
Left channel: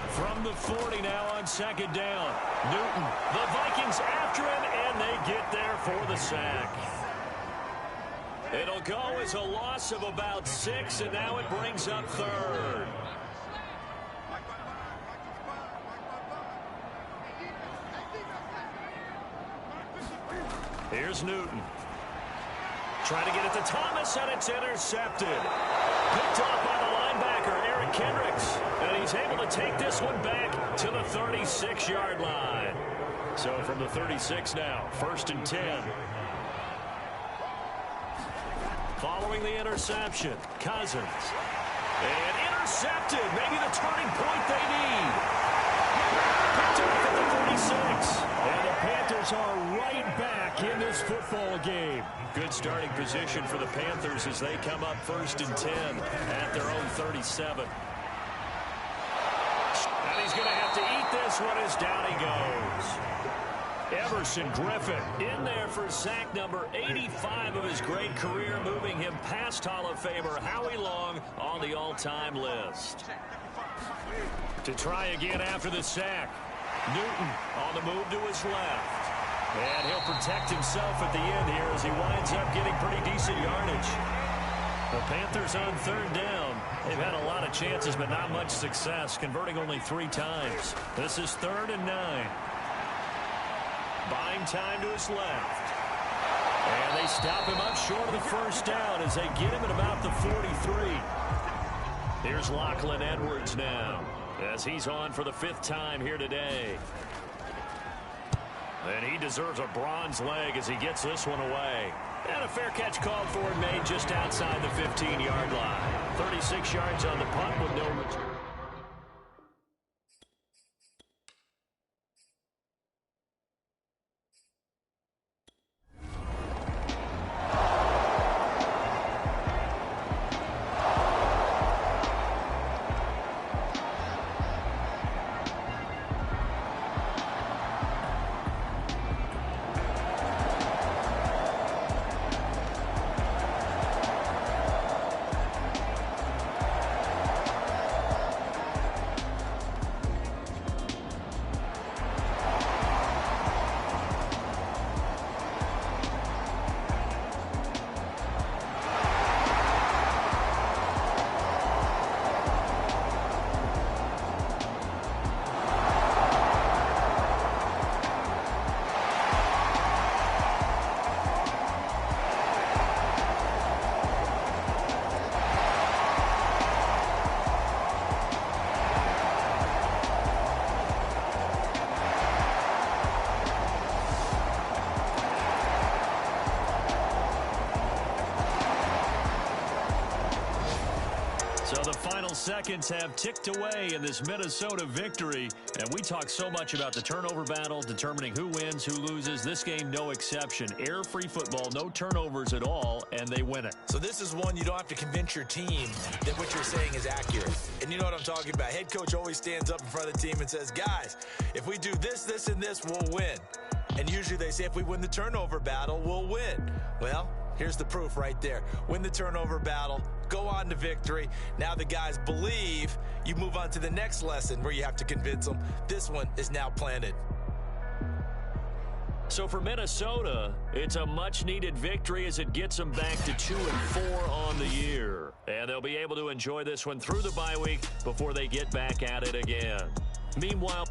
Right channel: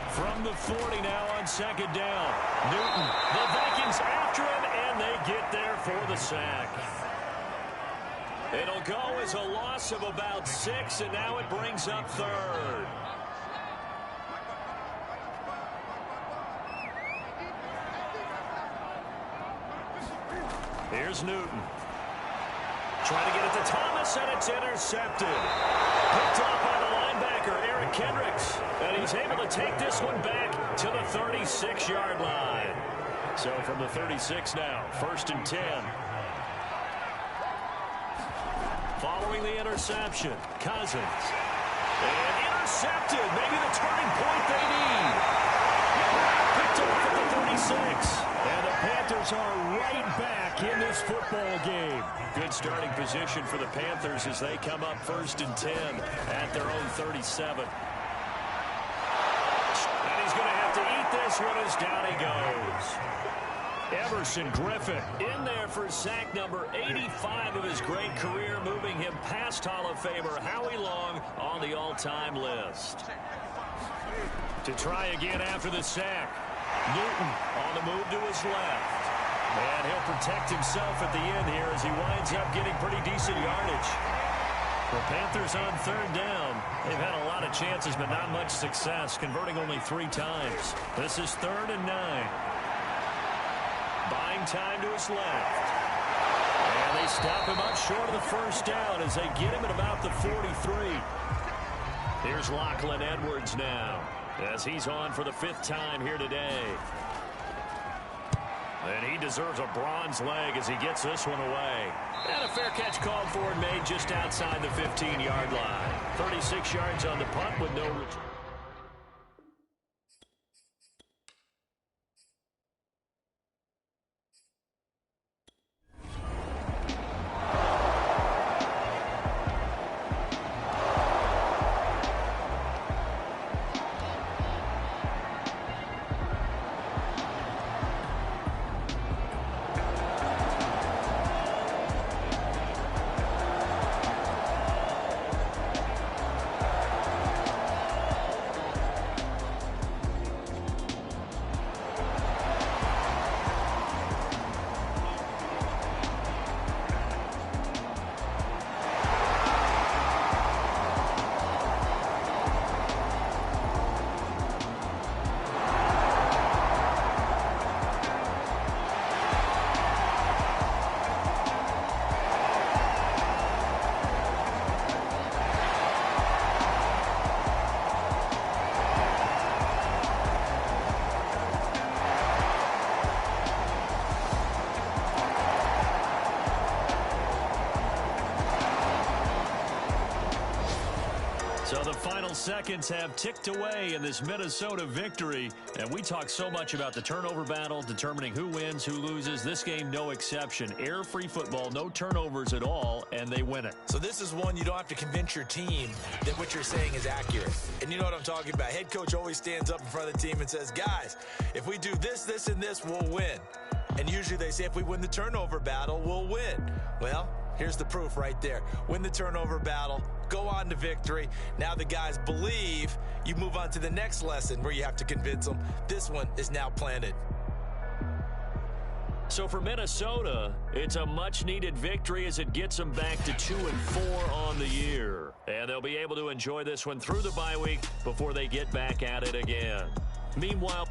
From the 40 now on 2nd down. Newton, the Vikings after him, and they get there for the sack. It'll go as a loss of about 6, and now it brings up 3rd. Here's Newton. Trying to get it to Thomas, and it's intercepted. Picked off by the linebacker, Eric Kendricks, and he's able to take this one back to the 36-yard line. So from the 36 now, 1st and 10. Following the interception, Cousins. And intercepted. Maybe the turning point they need. Picked off at the 36. And the Panthers are right back in this football game. Good starting position for the Panthers as they come up 1st and 10 at their own 37. And he's going to have to eat this one as down he goes. Everson Griffin in there for sack number 85 of his great career, moving him past Hall of Famer Howie Long on the all-time list. To try again after the sack. Newton on the move to his left. And he'll protect himself at the end here as he winds up getting pretty decent yardage. The Panthers on 3rd down. They've had a lot of chances, but not much success, converting only 3 times. This is 3rd and 9. Buying time to his left. And they stop him up short of the 1st down as they get him at about the 43. Here's Lachlan Edwards now as he's on for the 5th time here today. And he deserves a bronze leg as he gets this one away. And a fair catch called for and made just outside the 15-yard line. 36 yards on the punt with no return. So the final seconds have ticked away in this Minnesota victory. And we talk so much about the turnover battle, determining who wins, who loses. This game, no exception. Error-free football, no turnovers at all, and they win it. So this is one you don't have to convince your team that what you're saying is accurate. And you know what I'm talking about. Head coach always stands up in front of the team and says, guys, if we do this, this, and this, we'll win. And usually they say if we win the turnover battle, we'll win. Well, here's the proof right there. Win the turnover battle, go on to victory. Now the guys believe. You move on to the next lesson where you have to convince them. This one is now planted. So for Minnesota, it's a much-needed victory as it gets them back to 2-4 on the year. And they'll be able to enjoy this one through the bye week before they get back at it again. Meanwhile,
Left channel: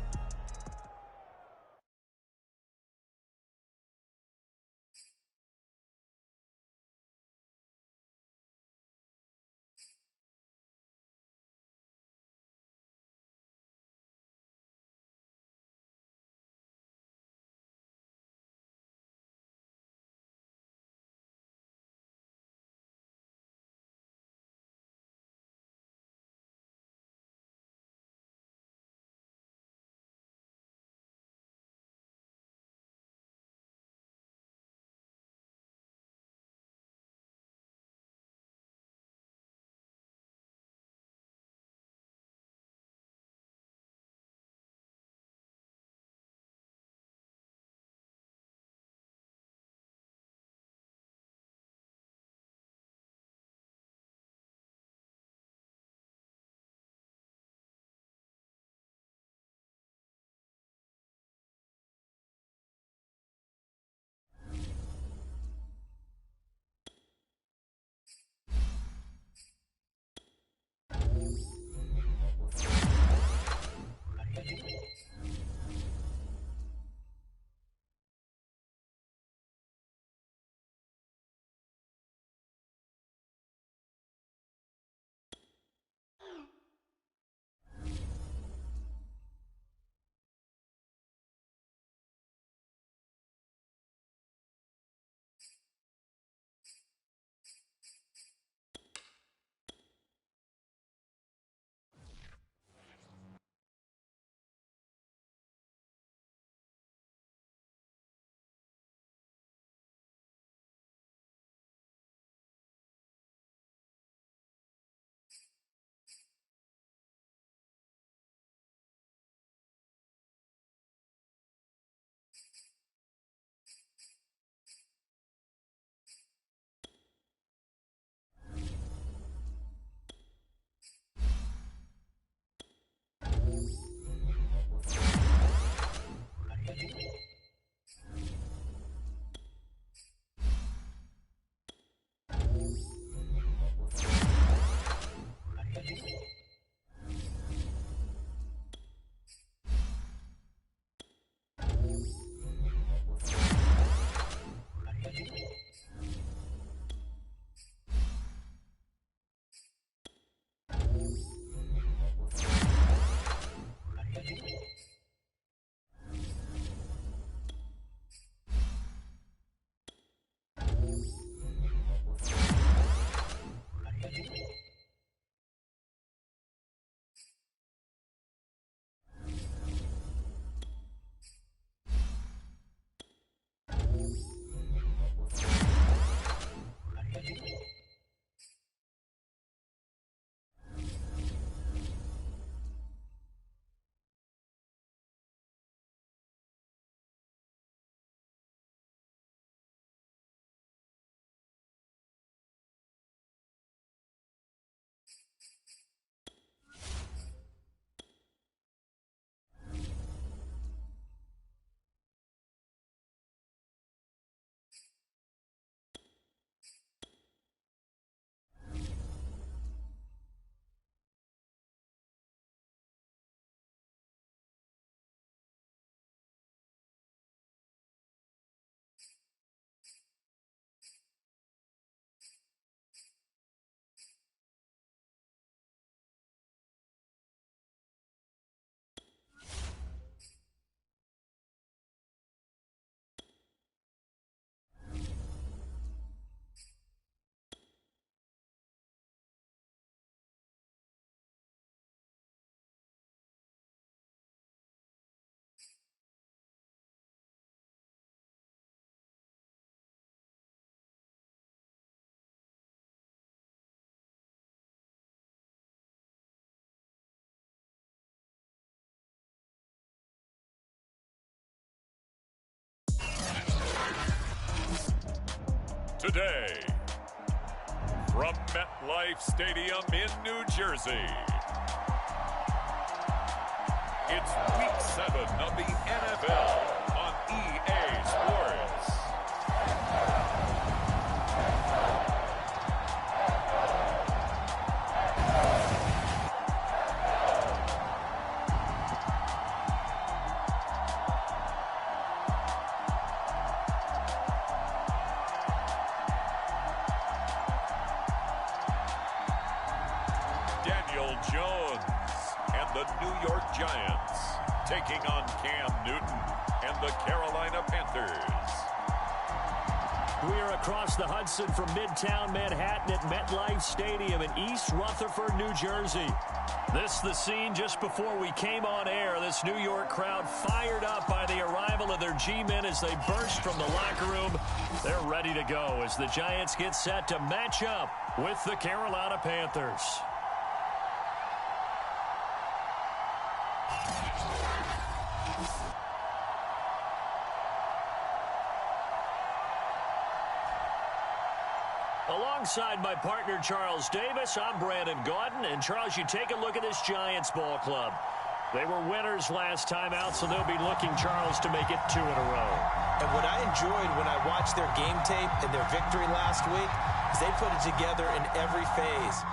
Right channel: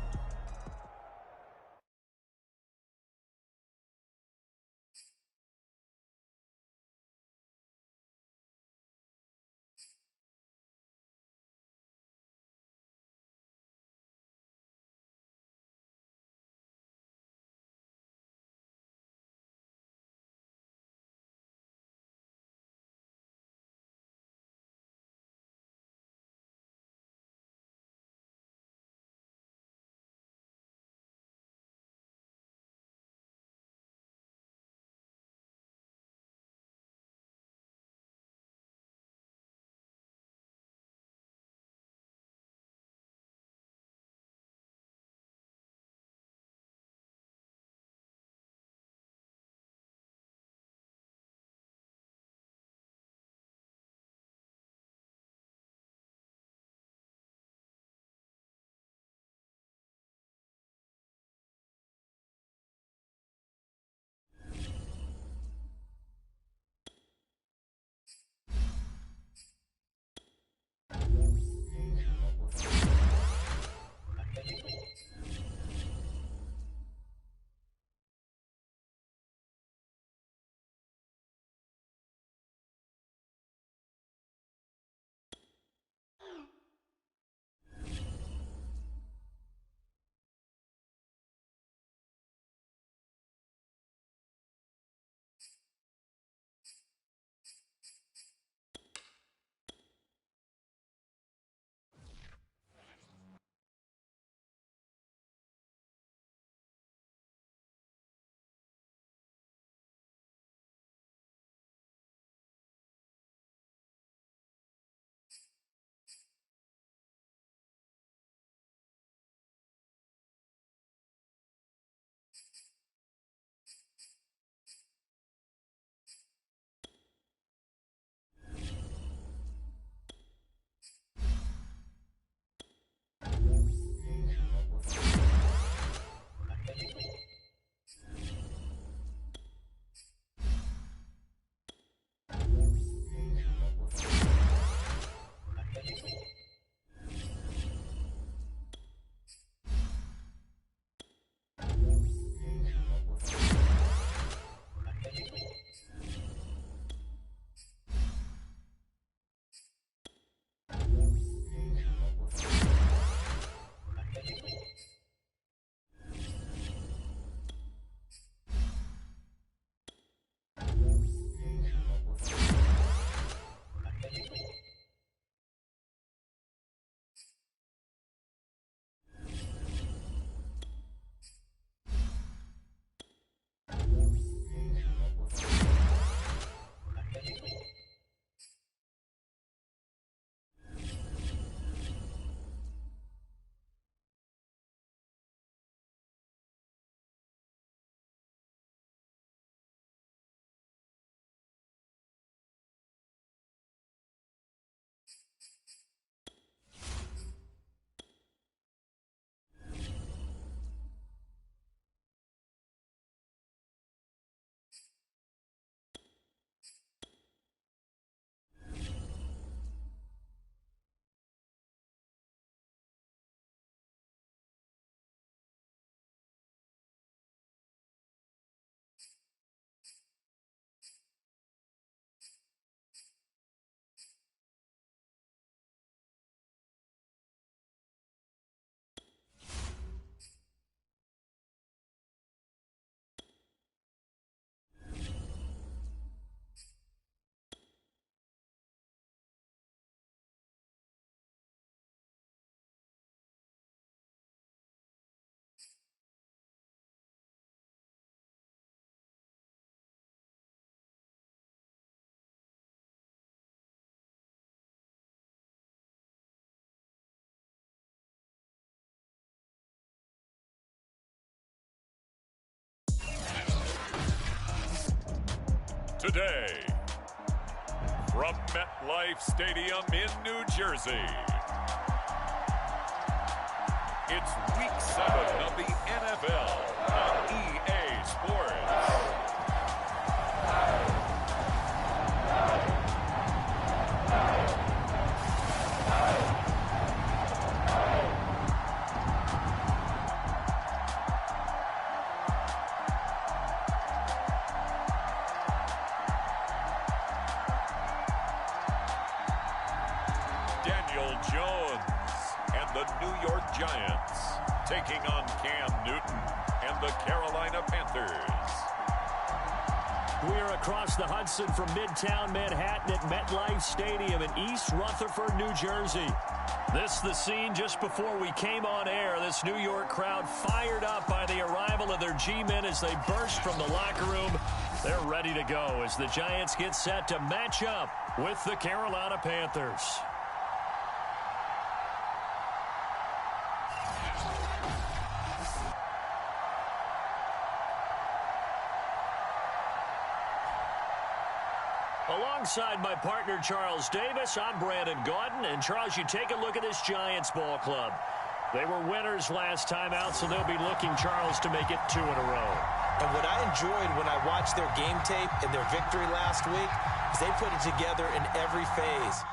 today. From MetLife Stadium in New Jersey, it's Week 7 of the NFL on EA Sports. Daniel Jones and the New York Giants taking on Cam Newton and the Carolina Panthers. We are across the Hudson from Midtown Manhattan at MetLife Stadium in East Rutherford, New Jersey. This the scene just before we came on air. This New York crowd fired up by the arrival of their G-men as they burst from the locker room. They're ready to go as the Giants get set to match up with the Carolina Panthers. Alongside my partner, Charles Davis, I'm Brandon Gaudin. And, Charles, you take a look at this Giants ball club. They were winners last time out, so they'll be looking, Charles, to make it 2 in a row. And what I enjoyed when I watched their game tape and their victory last week is they put it together in every phase.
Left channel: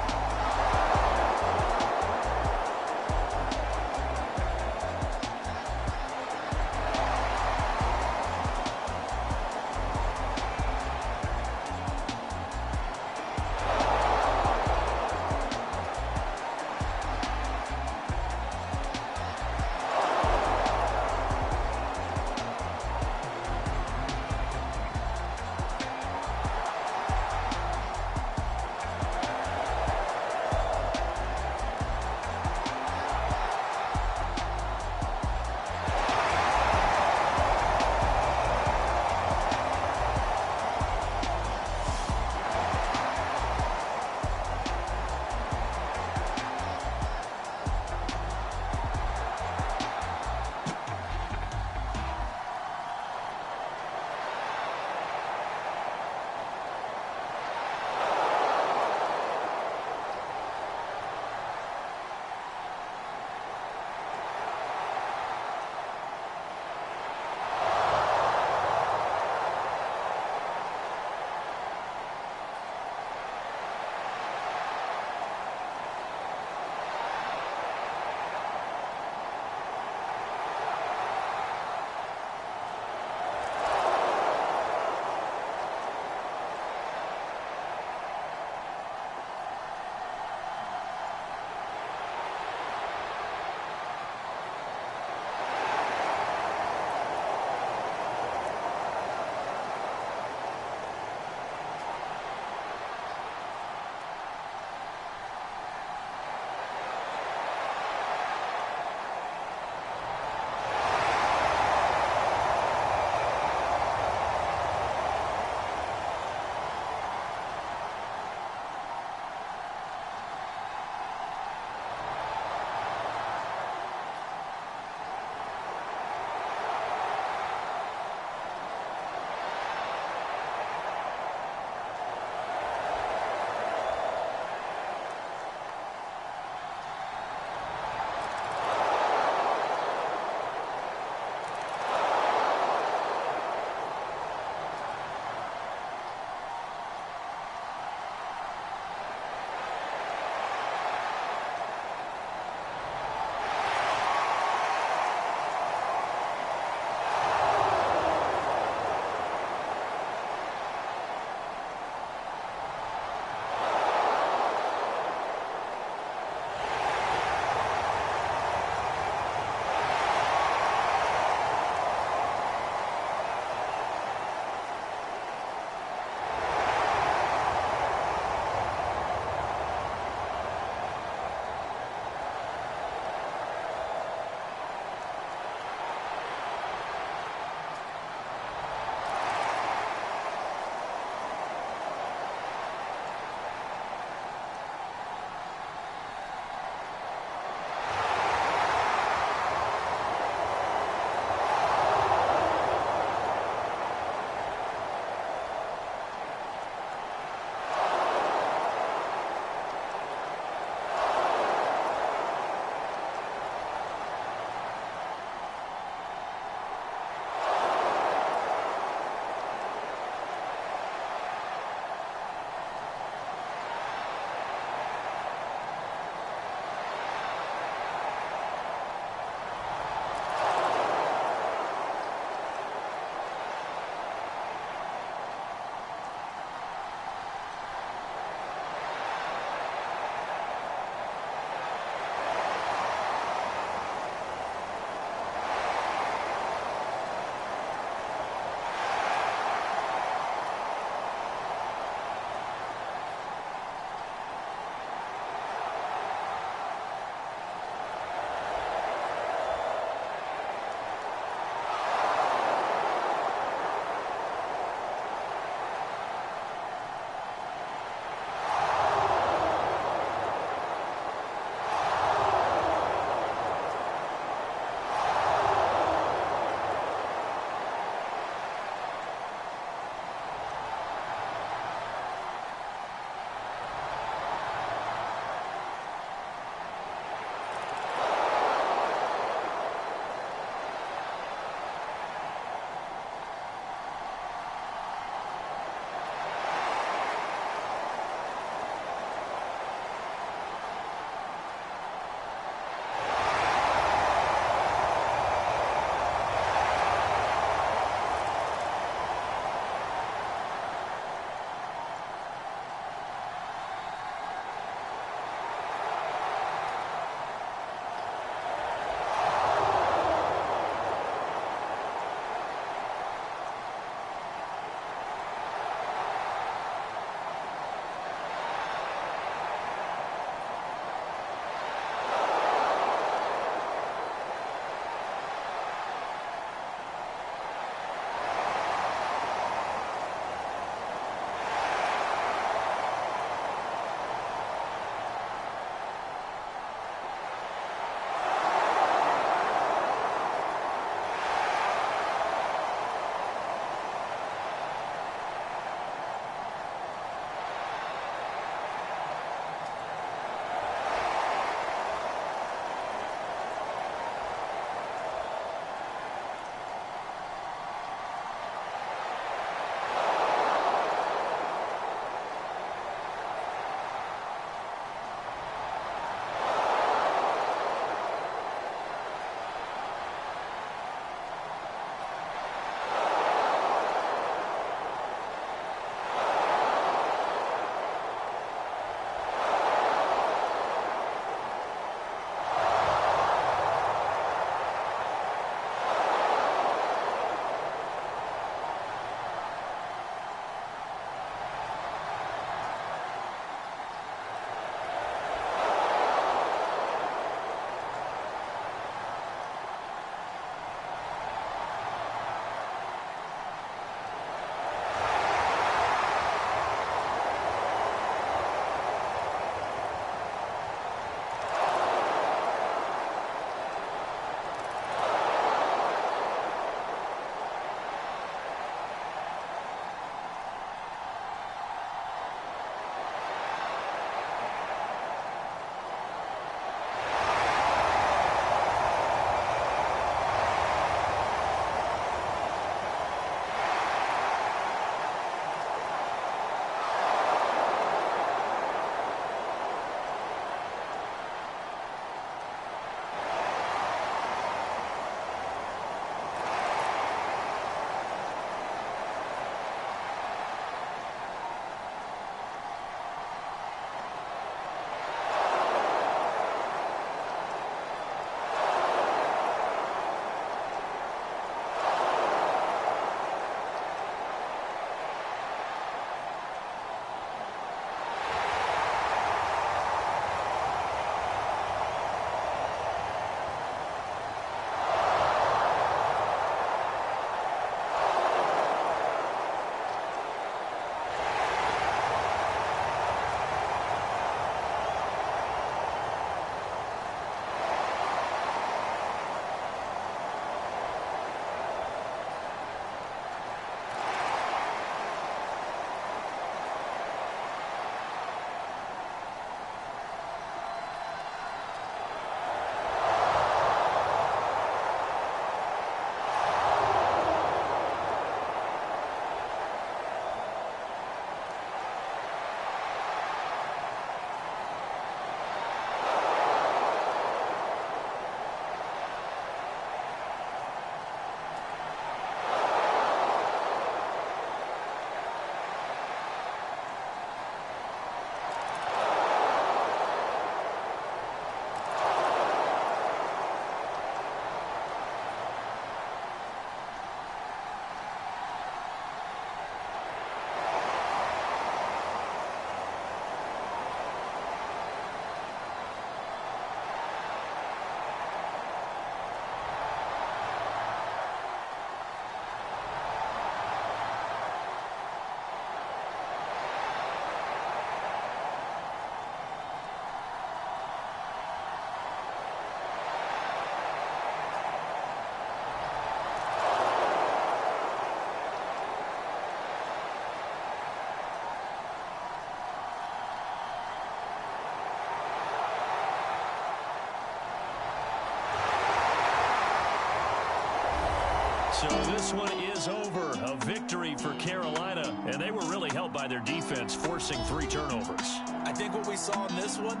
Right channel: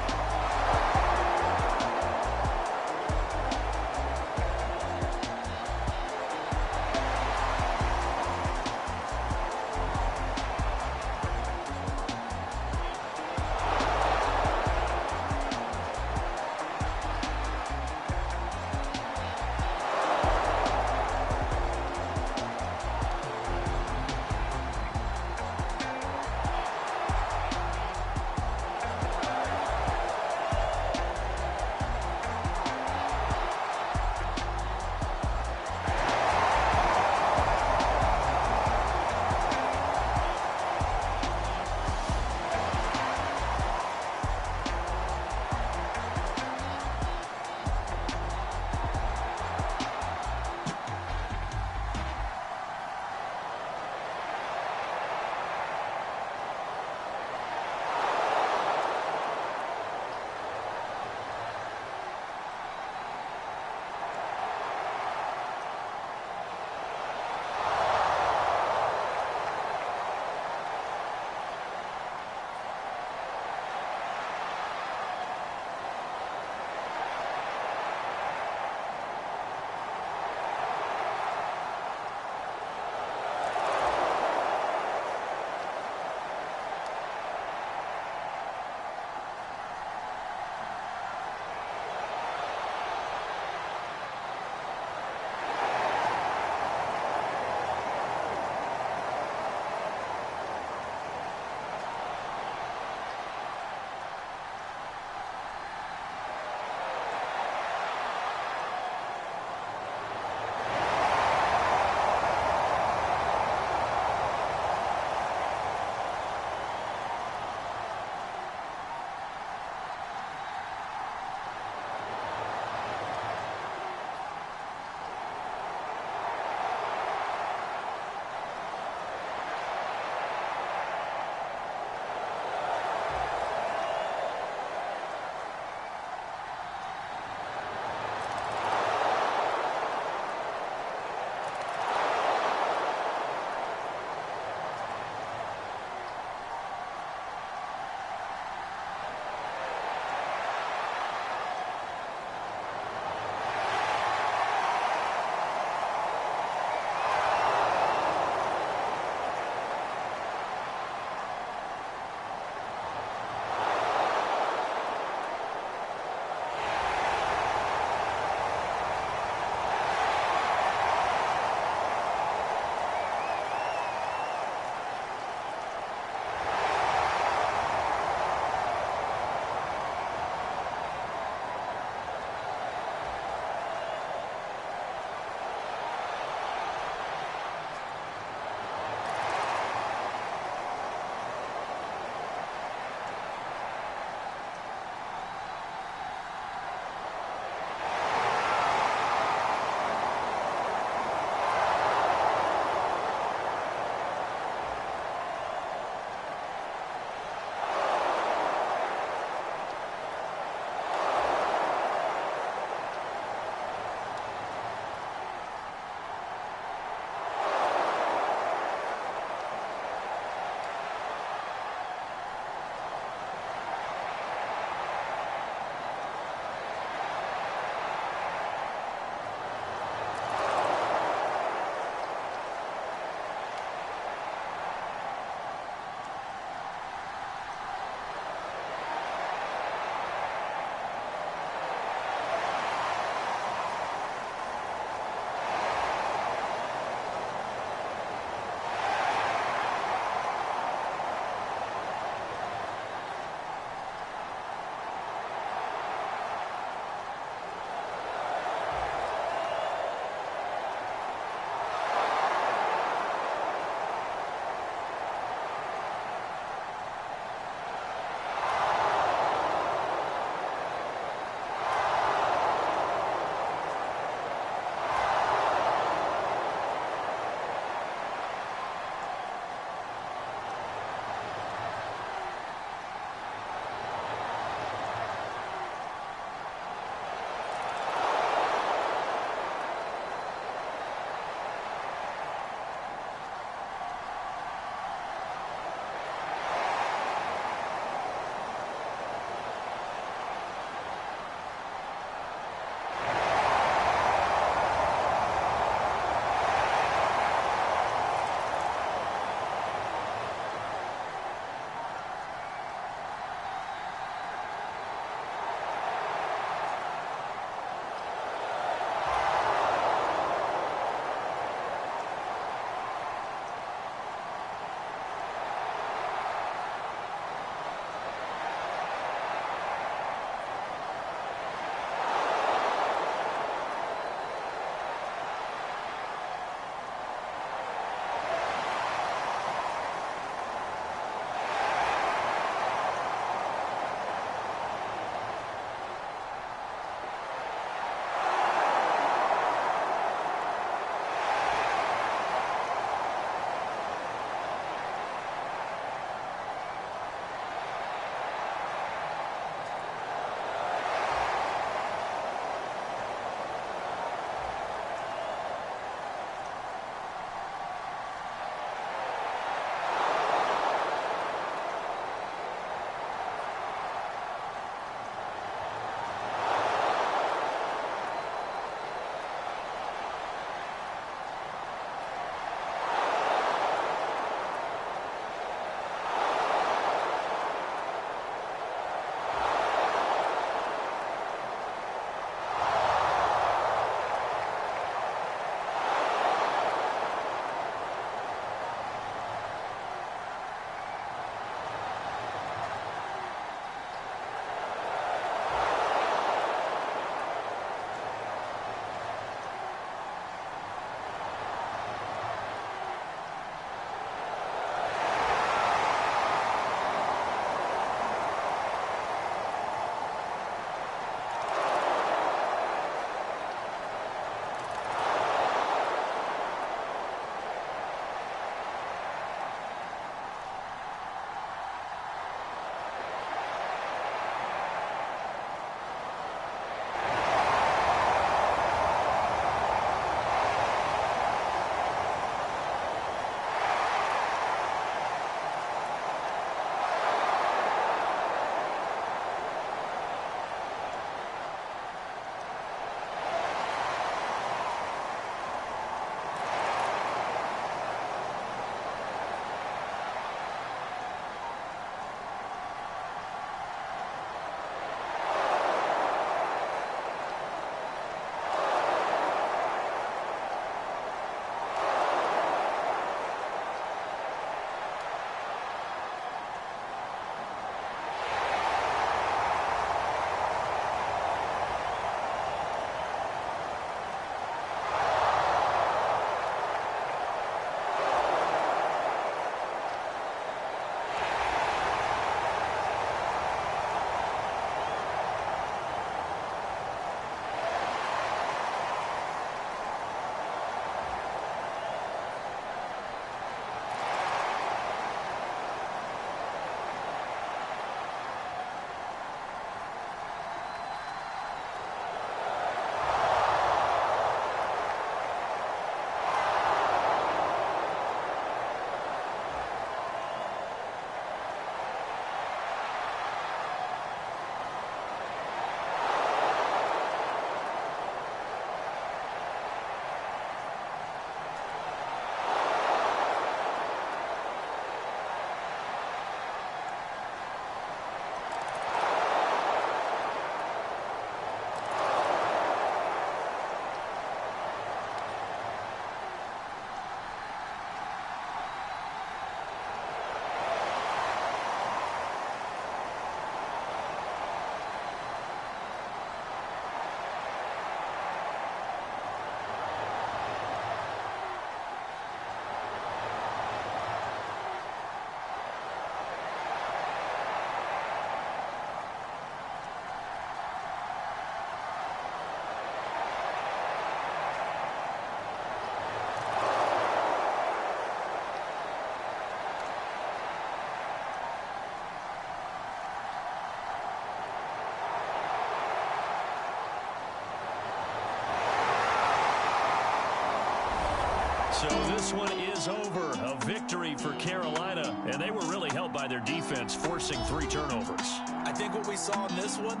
So this one is over. A victory for Carolina, and they were really helped by their defense, forcing 3 turnovers. I think what we saw in this one,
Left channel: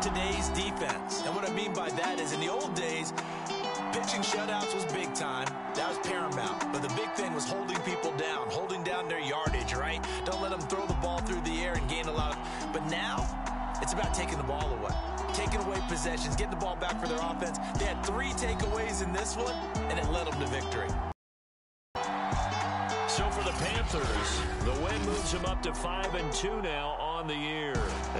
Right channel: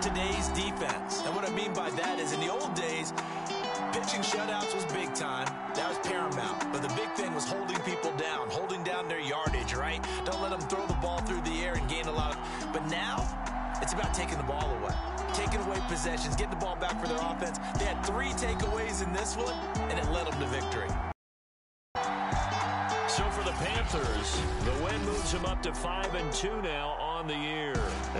today's defense. And what I mean by that is in the old days, pitching shutouts was big time. That was paramount. But the big thing was holding people down, holding down their yardage, right? Don't let them throw the ball through the air and gain a lot of... But now, it's about taking the ball away. Taking away possessions, getting the ball back for their offense. They had 3 takeaways in this one, and it led them to victory. So for the Panthers, the win moves them up to 5-2 now on the year.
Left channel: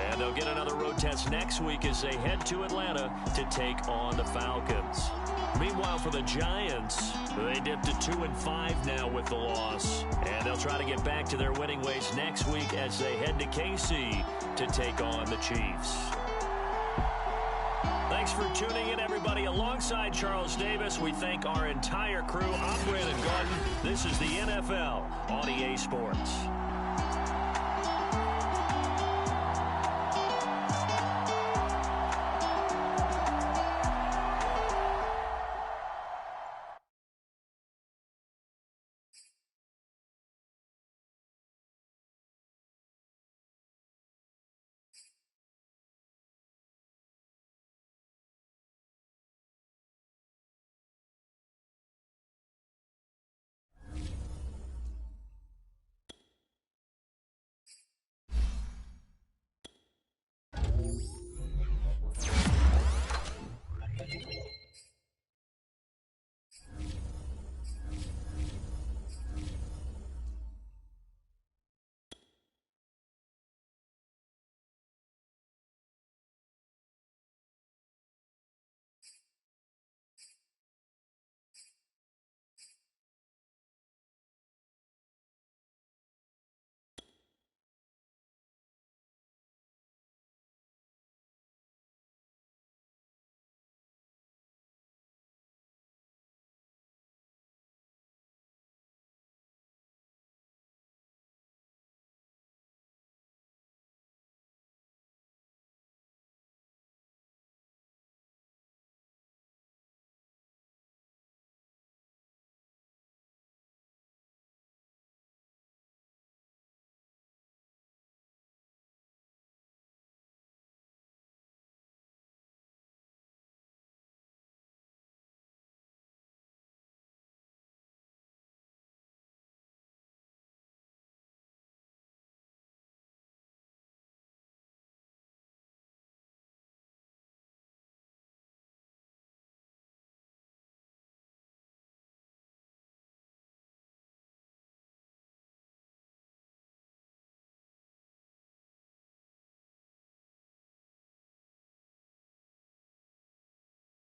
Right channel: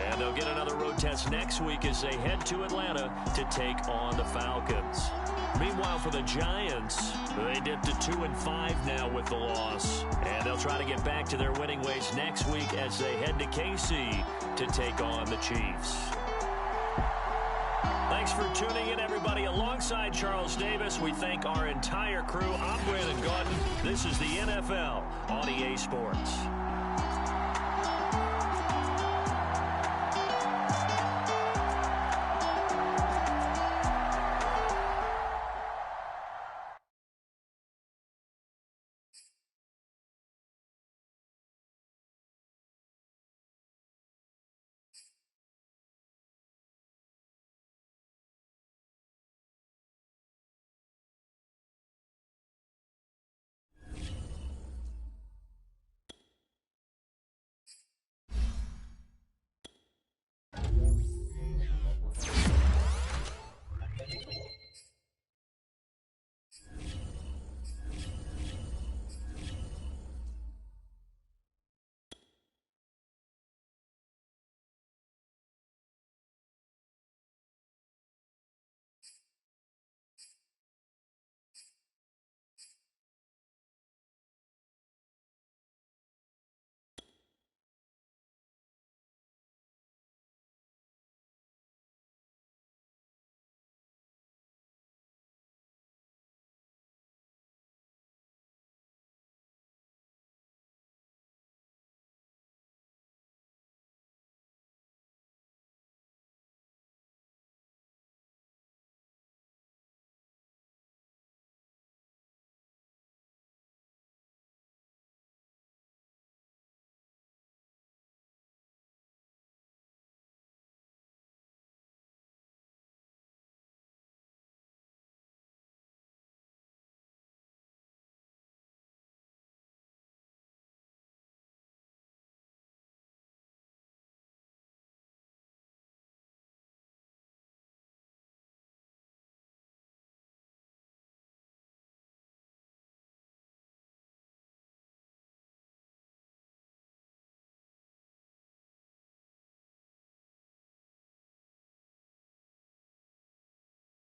And they'll get another road test next week as they head to Atlanta to take on the Falcons. Meanwhile, for the Giants, they dipped to 2-5 now with the loss. And they'll try to get back to their winning ways next week as they head to KC to take on the Chiefs. Thanks for tuning in, everybody. Alongside Charles Davis, we thank our entire crew. I'm Brandon Gaudin. This is the NFL on EA Sports.